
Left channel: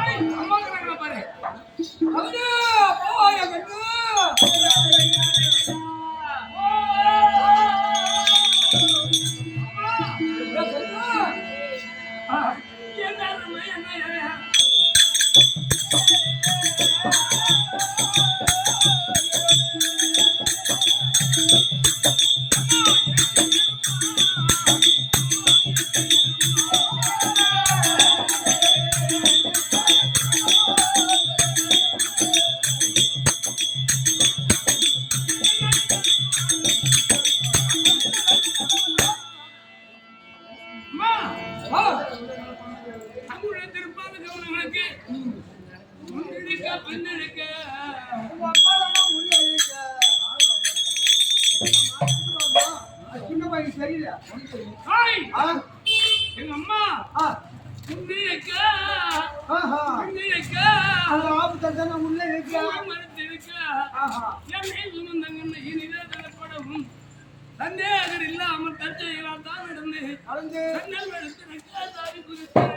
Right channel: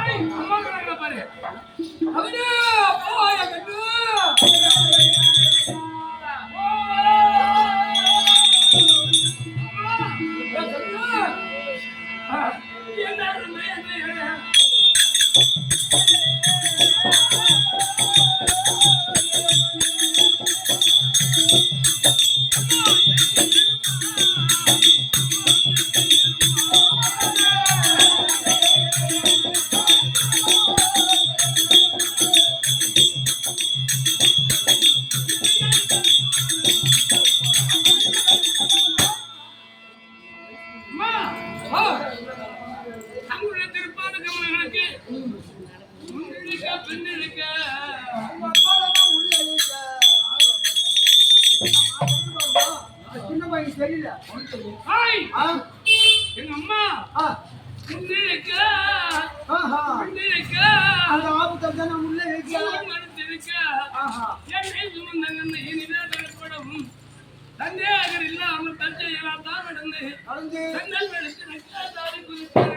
ஐய், அம்மா இருக்கிறாங்களா பாரு. அவனே, போய கட்டு. என்ன தங்களுடைய திருப்பாத கவனங்களுக்கு முன்னெடுக்க பின்னெடுக்க சின்ன பையன் தெரியல ஹாய் ஆ எங்க அம்மா ஆ முன்னெடுக்க ஆஹா பின்னெடுக்க அந்த ஆபத்தை தான் நான் உள்ளே வைக்கிறேன் மறுத்திருக்க ஆஹா என்னை சுமந்தங்கன்னு இனிதே தரப்படவும் சந்தேகர் இல்லாமல் தற்செயலால் தான் நடந்து நடந்து சென்னல் வெளுத்து நக்காதாரி குதித்தேன்.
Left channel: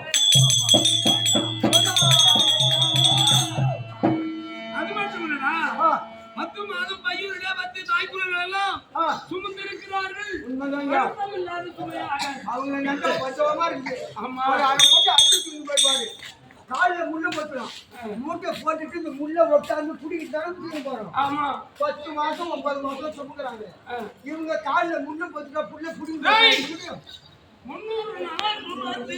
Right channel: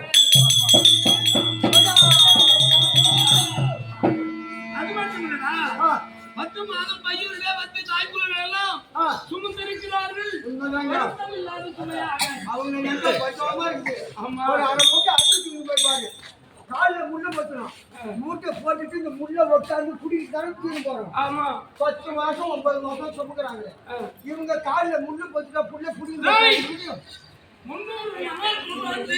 அது மட்டும் இல்லடா ஆ 10 மாதம் பையனுடைய 10 தாய்க்குள்ளர்கள் எல்லாம் ஆ சுமந்திருக்கிறார்கள். உண்மைதாங்க இல்லாத சுமையாக அவங்க நெஞ்ச பச்சோமா இருக்குது ஆமா ஒரு அரை போட்டு போட்டுட்டு இந்த முள்ள உட்காந்து குடிக்கிட்டு தானே தூக்கி போறோம். ஆமா 10 மாசம் 9 மாசம் சுமக்குறாங்க. இவங்க கால்ல முள்ள போட்டுட்டா புள்ள புடிங்க முடியும். 300 நாள் வந்து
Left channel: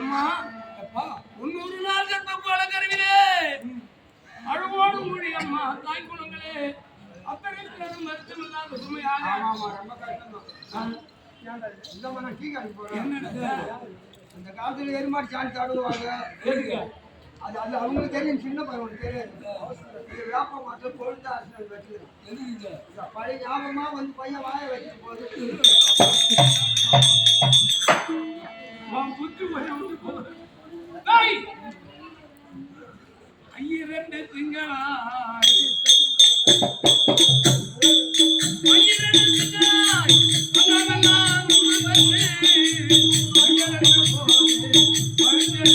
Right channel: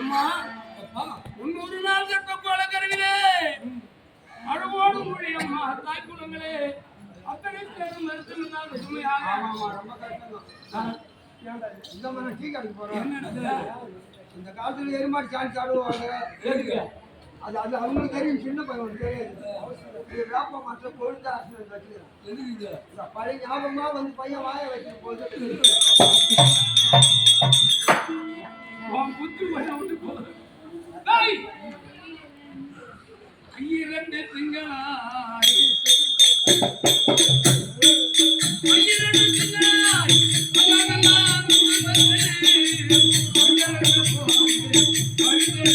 அம்மா அப்பா 300 நாள் கற்ப கருவிலே அழுவோடு மூடி அம்மா தாய் குணங்களே அத்தனை பேரும் மருத்துவம் சுமையாக ஆமா ரொம்ப கஷ்டம். இந்த மாதிரி டீ கடைக்கு போறோம். இந்த காலத்துல எருமாடி சாணி சாடுவாங்க. அது அது அவங்களுக்கு தெரியும், சின்ன பையன் தெரியாது. இது வேப்ப மாற்றம் பொழுது ஆசிரியர் வச்சுக்கிறான். பழைய ஞாபகமா வந்து பையன் வாய வச்சுட்டு போது புத்தி விட்டு போகுது. 2 திங்களாய் 2 திங்களாய் அழகெல்லாம் வந்து அழகெல்லாம் போகுது அழுது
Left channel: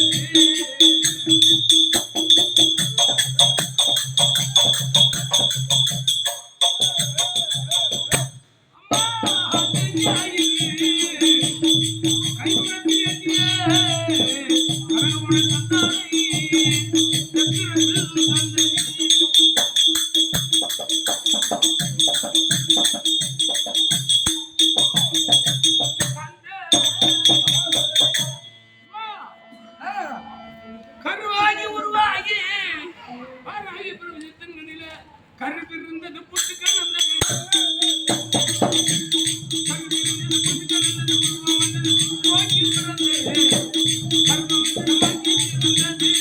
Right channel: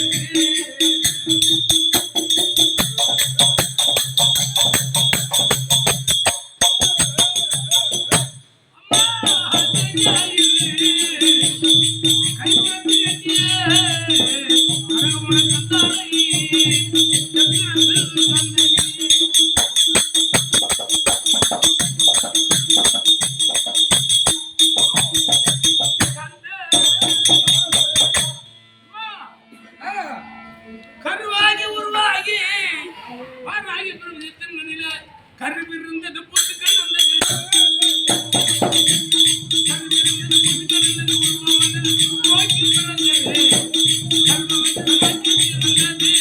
கருவாகி உருவாகி பார்வாகி பிரபஞ்சத்தின் கருவிருந்தது புத்துக்கள் வந்தது கருவிருந்தது புத்துக்கள் வந்தது உருவம் வந்தது நோக்கி பிறந்தது கர்மம் நோக்கி பிறந்தது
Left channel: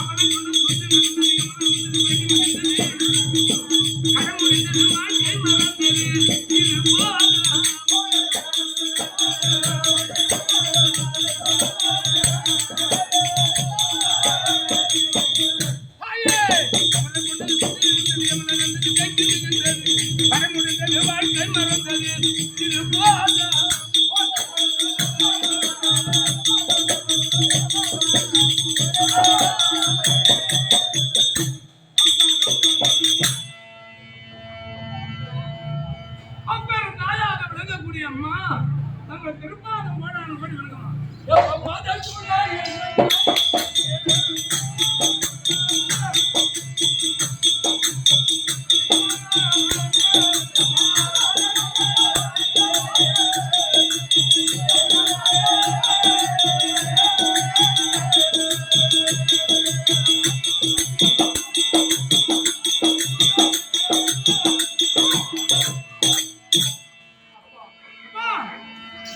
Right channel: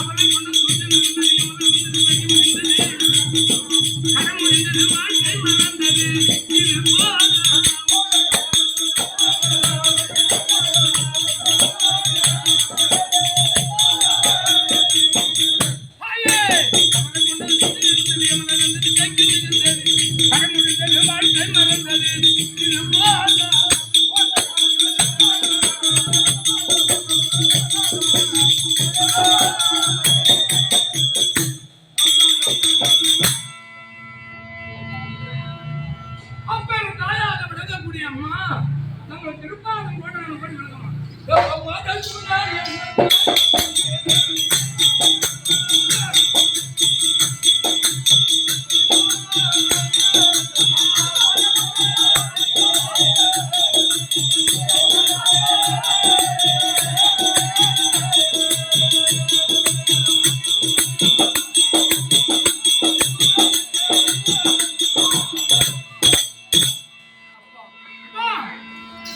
அவனை கொண்டு சுற்றி நடந்தது கடன் முடிந்தது வாழ்க்கை மறந்தது இது போதும் கடன் முடிந்தது வாழ்க்கை மறந்தது இது போதும் அப்பெரும் தாயாக விளங்கக்கூடிய அம்மா தங்கள் திருப்பாதம் கோடான கோடி விளங்கம்மா.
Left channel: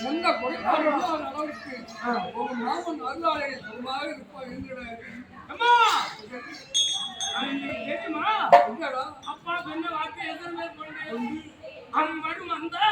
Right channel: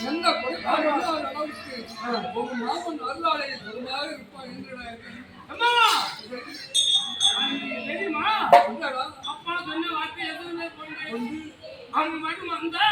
எந்த குறைபாடு இல்லாத அளவுக்கு உங்க மாமன் அருளாளை சுகமாக இருப்பான் என்று அம்மா தெரியுமா அப்பா சொன்ன வார்த்தை எதுவுமே கொண்டு அம்மன் வந்தா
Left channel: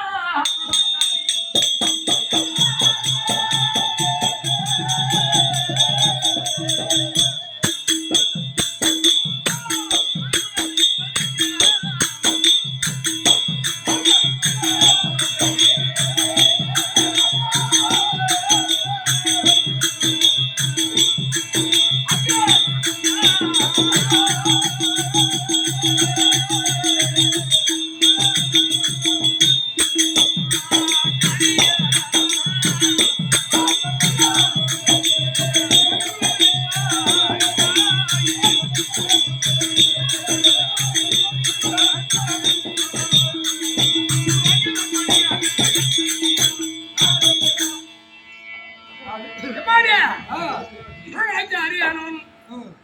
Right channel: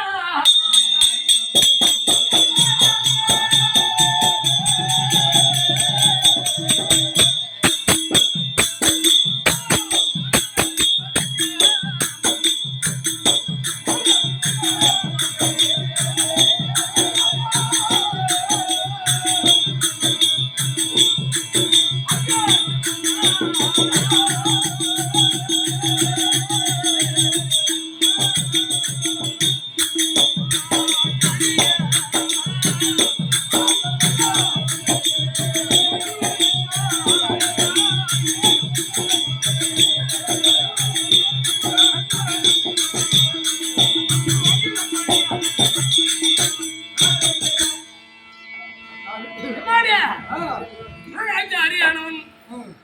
அறியானவன்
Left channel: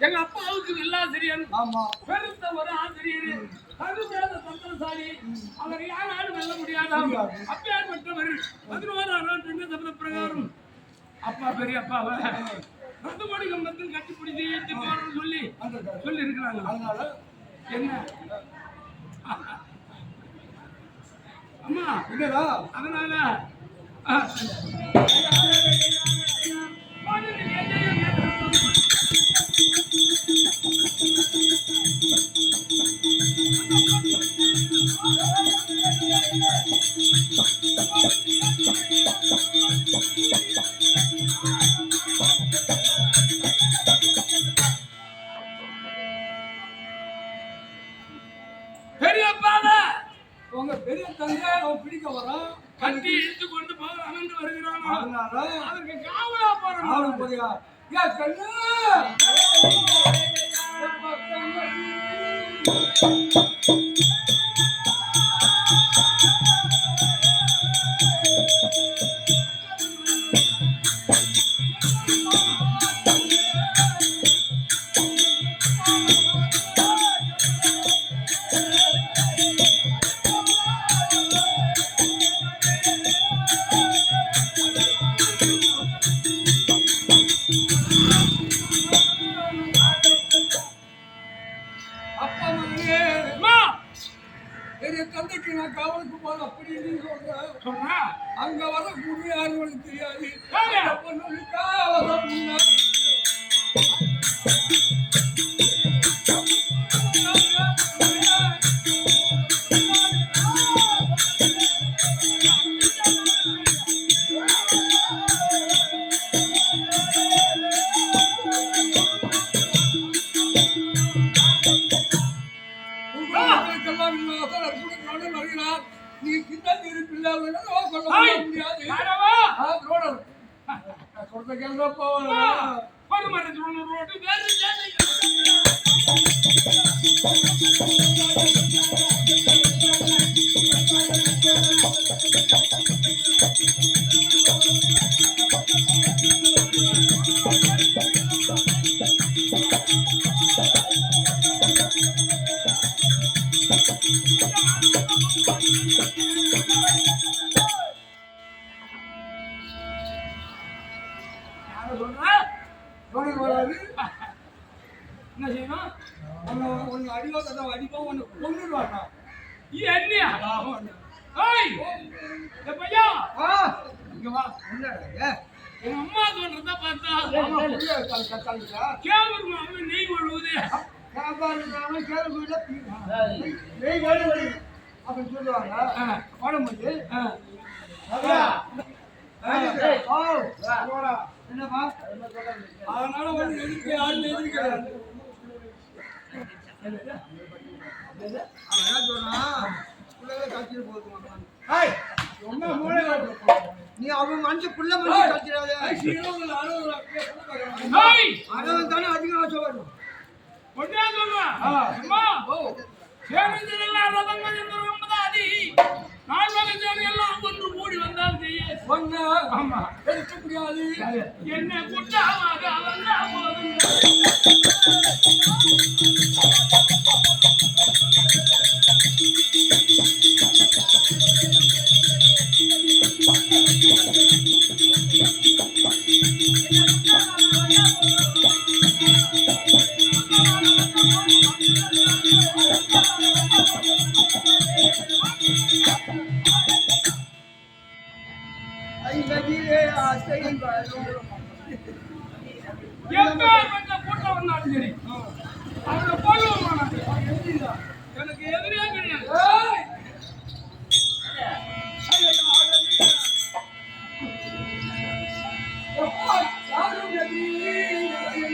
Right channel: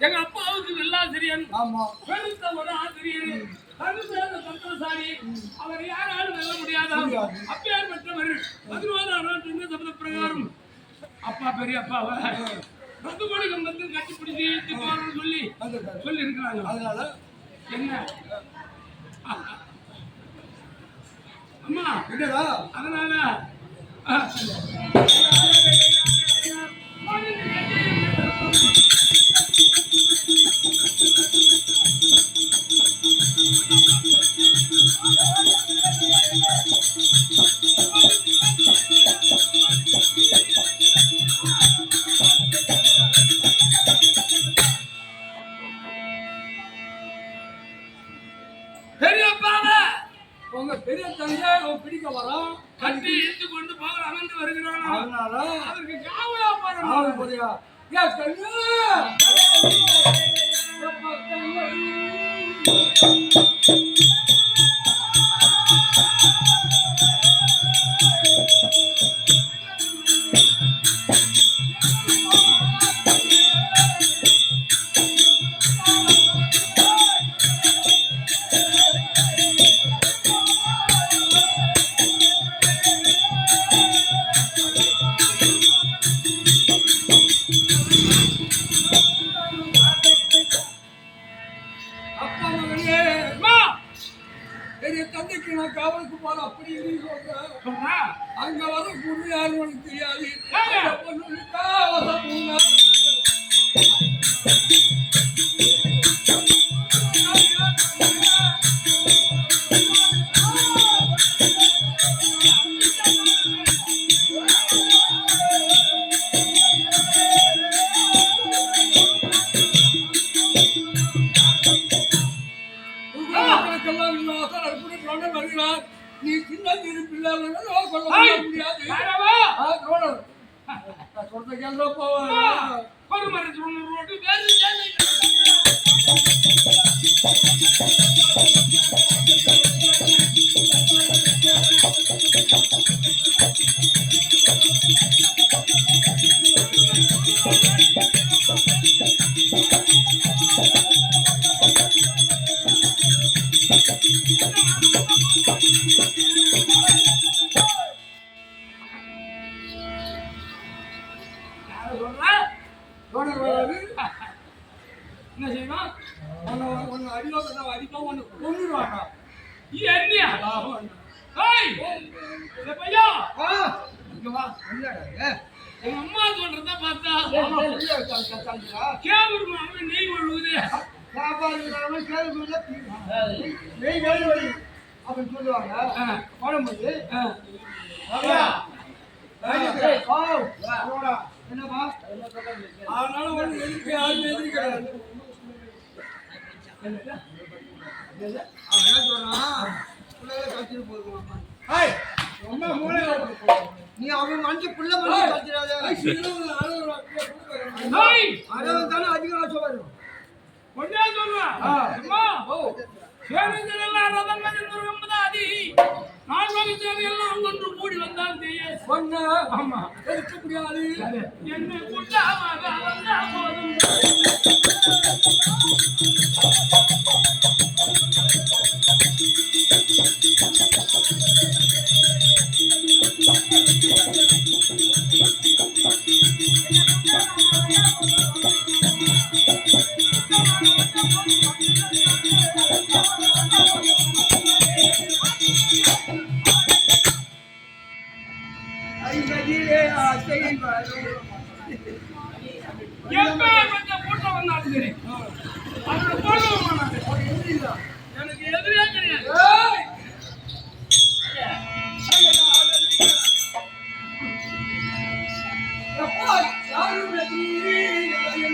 எங்க அப்பாவுக்கு வில்லாசிரியன் ஆமா பெருத்த ஒரு ஆசிரியர் கருவேத பலசாலி, அவரை யாராலும் வெல்ல முடியாதாம். அப்பேற்பட்டவர் 11ஆம் ஆண்டு சபத பிரகாரம் அப்பா பெரிய அப்பாவை ரத்துமணி கம்பத்தில் கட்டிப்பிடிச்சு இழுத்து போறன்னு சொல்லி இருக்கிறாங்க. அதனால என்ன அம்மா என்னடா அதனால பெரியப்பாவை உங்க பெரிய தந்தை அவன் பிடிக்க வரான், கட்டி இழுத்து கொண்டு போகலாம் என்று வருகிறான். அதனால அதற்கு காவலா போறோம். அவன் போறியா ஏன் கண்ணு அப்பா மகனே, அம்மா பெரிய தந்தைக்கு நான் காவலுக்கு போறேன் அப்படி நீ சொல்றா அங்க வர குரு யாரும் உனக்கு தெரியாது. யாரு? அந்த பொண்ணு காவலம் உண்ணா. மக்களுக்கெல்லாம் இல்லாத அற்புதத்தோடு வருகிறார். நீ சின்ன இருப்பில்லை கொள்ள முடியாது. யாரவா ரோடர் நான் சொல்ற கேள்வி போவா ஒரு மரத்து ஒன்று ரோட்டு வேறு சேனை. யாரை சொல்றா? ரோடர் வராது. என்ன செய்வான்? ஒன்னு அடிவா கதை அடிப்பா ஒன்னு கொண்டுருவாங்க. என்னையா ஏய் இந்த பையா இங்க வா. என்னடா எங்க அம்மா சொல்றத பார்த்தா கத்தாலிக்கிறா கேவரு மாமன் நெய் ஒழுகுது. சாப்பாடு கேள்வி நெய் வேலை அப்படின்னு சொல்லுவாங்க. போடும்போது என்னப்பா அதனால ஒண்ணு எதிர்க்க யாரும் எதிர்க்கிறாரு. அவன் என்ன சொல்றான்? பிள்ளைகளை கட்டிட்டு போதுமா? நீ அவன் மனுஷ புள்ள மனுஷன் கட்டிடாத. ஏய் அதவன் தானே அதிகம் ஆசை வரும். பொண்ணா சொல்றான். அம்மா சேனஞ்செல்லாம் ரதங்கள் என்பதாதி நான் வகையான எல்லாம் ஒன்று கூடி வந்தால் செய்ய ஒண்ணு ஆமா எதிர்க்க முடியாது. என்ன குட்டாவாக வந்தா போதும். ஐம்பதிலே ஆசையில் வரும். எப்பேற்பட்ட கூட்டம் வந்தாலும் சரி அவனை போடுவோமா நான்? எனக்கு எதிரியே கிடையாது. ஏய்! எப்பா, யாரும் எதிரி இல்லை.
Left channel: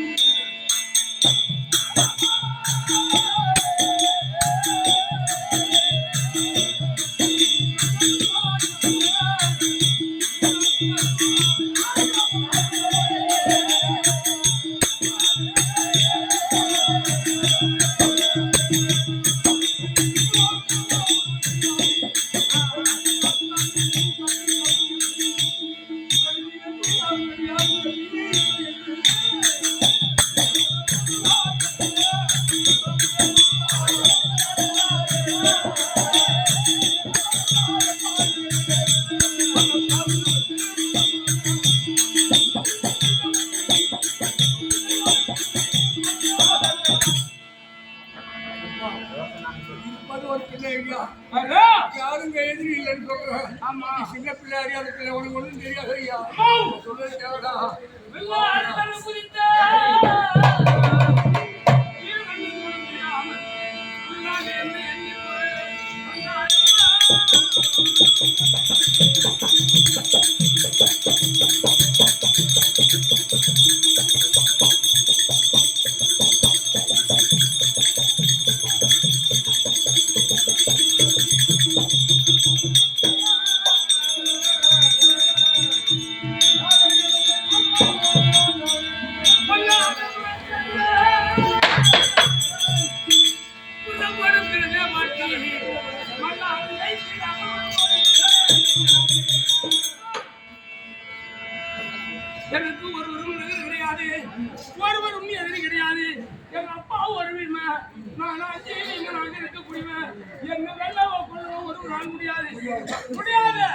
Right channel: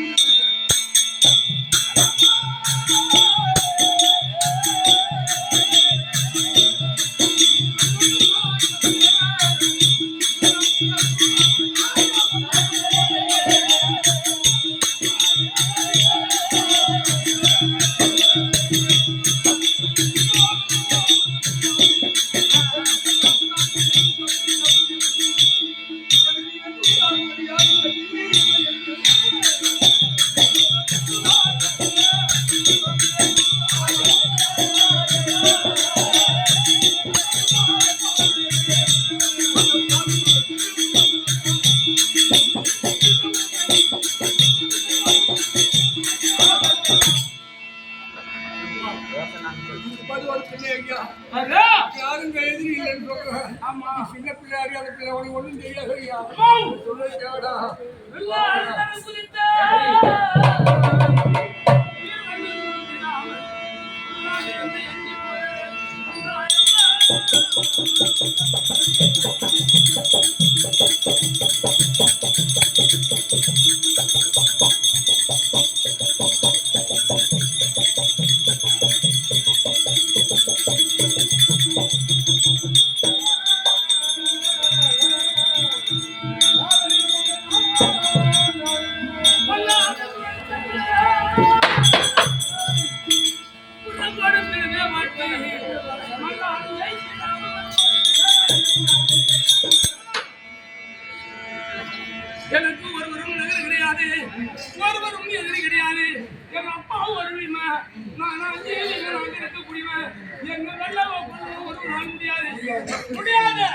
நீ சின்ன பிள்ளை அறியாத பிள்ளை உனக்கு ஒண்ணும் தெரியாது ஐயா சொல்ல தேவடா எனக்கு ஒருவரும் நகர் கிடையாது, ஒருவரும் எதிரி கிடையாது. எங்க அப்பாவும் வருவீங்க, நான் இருக்கக்கூடியவன். என்ன வெள்ளவோ கொள்ளவோ ஒரு நாள் முடியாது முடியாது.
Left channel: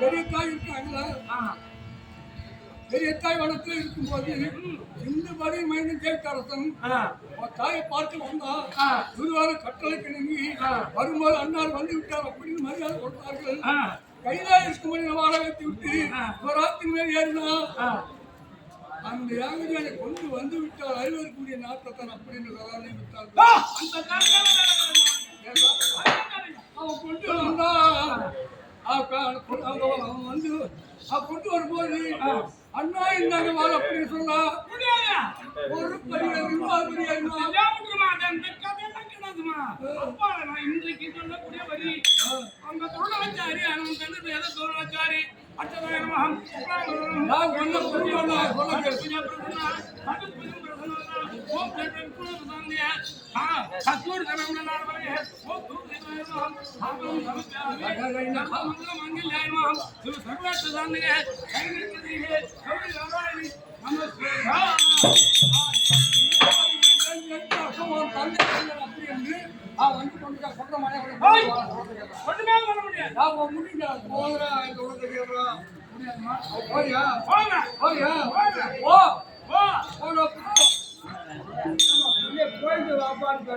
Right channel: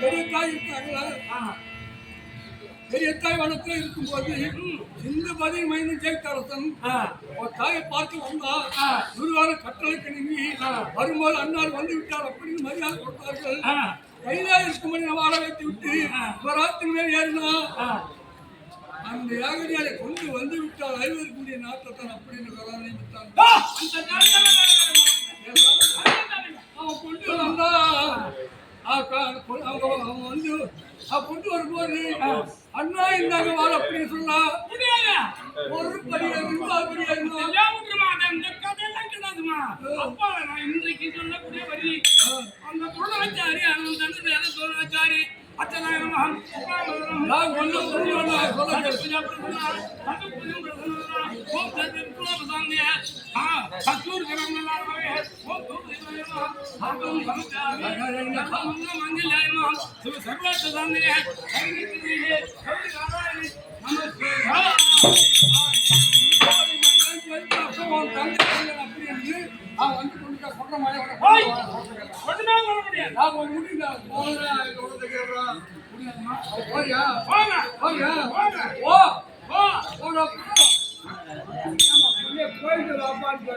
பெரிய தாய் இருக்காங்களா? பெரிய தாய் வனத்துல இருக்கும்போது இந்த பதில் மைந்தன் ஜெயத்தரசன் தாயை பார்த்து வந்தா குருவார கட்டளைக்கு நீங்கி வரும்போது அன்னார் வந்து விட்டார் அப்படின்னு மரியாதை கொடுத்தார்கள். கைதா இருக்கும்படி நம்ம வாழ வைத்து விட்டு ராத்திரி மேல் ஏறினா அந்த யாகதியாரை கொண்டு வந்து விட்டால் ஐவருக்குரிய நாட்டத்தான் அப்படின்னு நியமித்தார்கள். அவன் கொண்டு வந்தா அவன் வந்து கொண்டு வரும்போது அண்ணா இந்தாங்க வாழ அப்படின்னு சொன்னா ஒரு படியாருமா அப்பா நான் இன்றைக்கு சொல்லக்கூடிய வரி அந்த துருணாச்சாரி அவன் தந்து வேத துருணாச்சாரி அச்சதாயிரம் அப்படி என்று வந்து கொண்டு சொல்ற மாதிரி ஒண்ணுமே பண்ண முடியாது. போயிட்டு வாப்பான்னு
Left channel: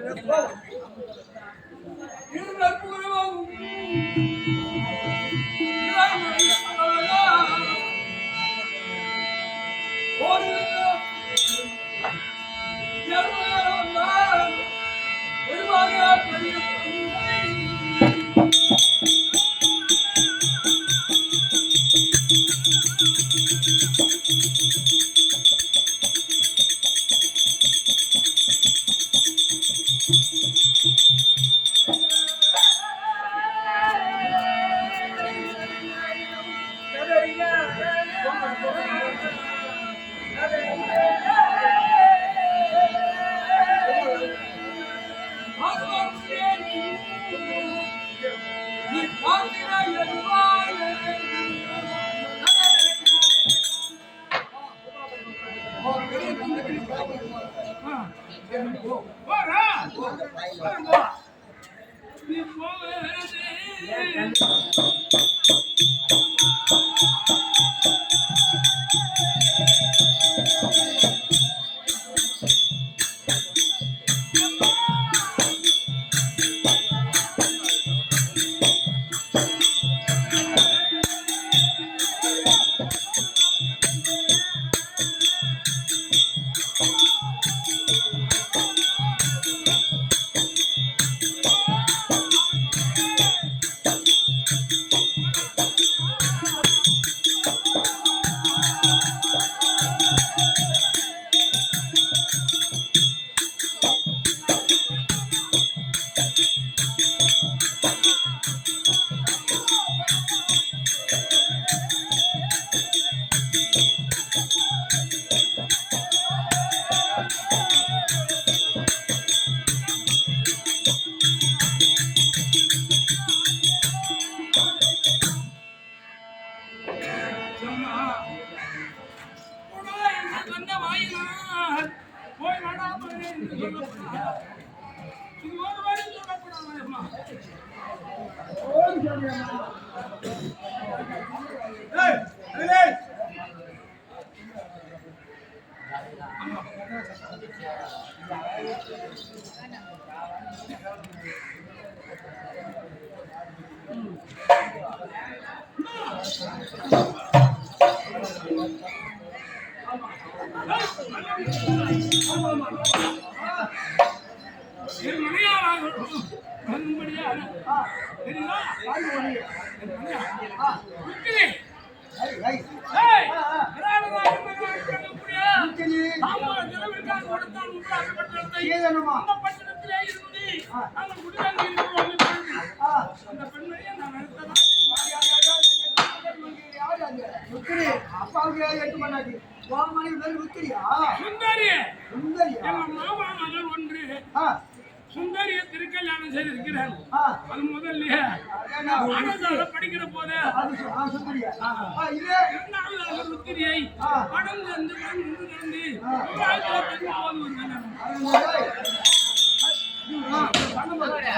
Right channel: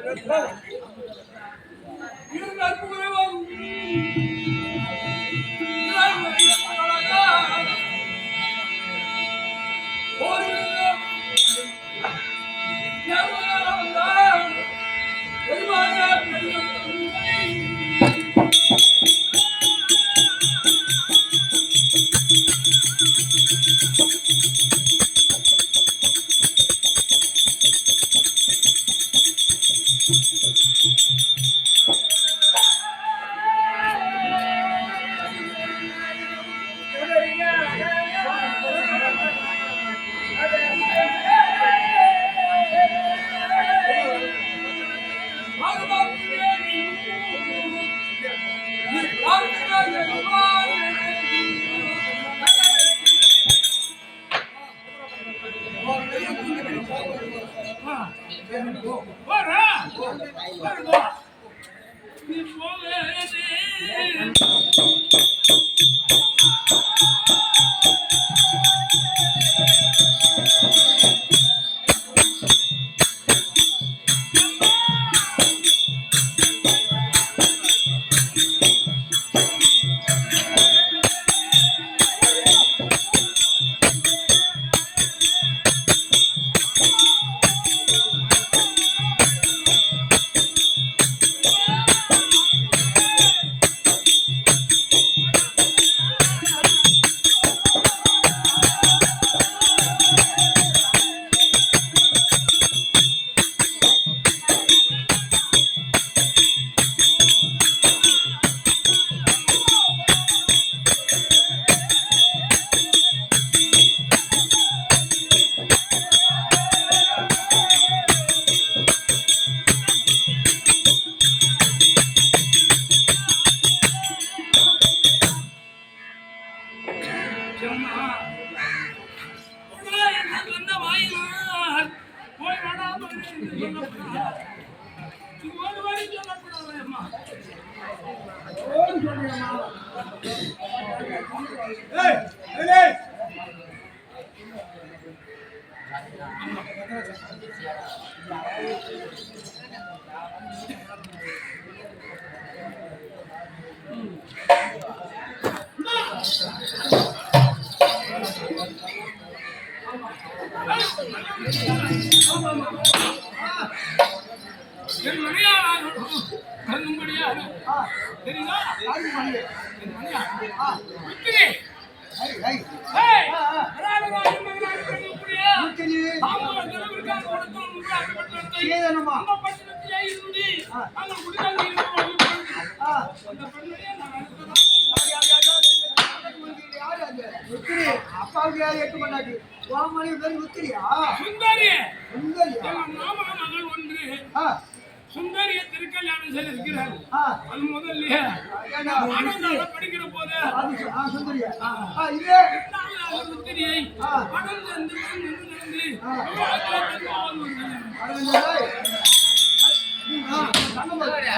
மகனே என்று சொல்லப்படாது. இது ஒரு வாரி சொல்லப்படாது அம்மா. ஓடி சொல்றியம்மா. என் மனையாளாக வழங்கும்படியாக ஆ, தெரியுதா? யாருக்கு மணி? என் மனையா ஆ, விக்கிரி. ஐ, ஐ. ஏய், ஆ, ஆ. ராஜராஜன் மகனாக பிறக்கக்கூடிய விக்கிரி. தாம்பூல செலவிற்காக கொடுத்தான் உங்கள் அகப்பட்டத்தை சீதனமா. அந்த பட்டணத்திலே இருந்து ஆ. நாங்கள் குடிதாங்கி இருக்கிறோம் என்று பொழுது, ஆ, அந்த பெண்ணையே நான் நினைத்ததா யாரு அது? விக்கிரி. அப்பாவுக்கு யாரு 8 மணி உன் மணி பேரு விக்கிரியா? சுந்தரி சுந்தரியா? எங்க மாமா மகள் ஒன்று ஆ, சுந்தரிய திருக்கல்யாணம் செய்திருக்கிறார். ஆ. அது முதல்ல அதானா? ஆனந்தால படிக்கிற போது ஆ, சுந்தரியா? ஆ, இது? இரண்டாவதாக ருத்திரியை ஆ. படம் சென்று வந்து நடந்து ஆ. விவாகத்தில் தந்து போது ஒரு கல்யாணம். அருந்ததி. ஆ, தங்கம் பாரு.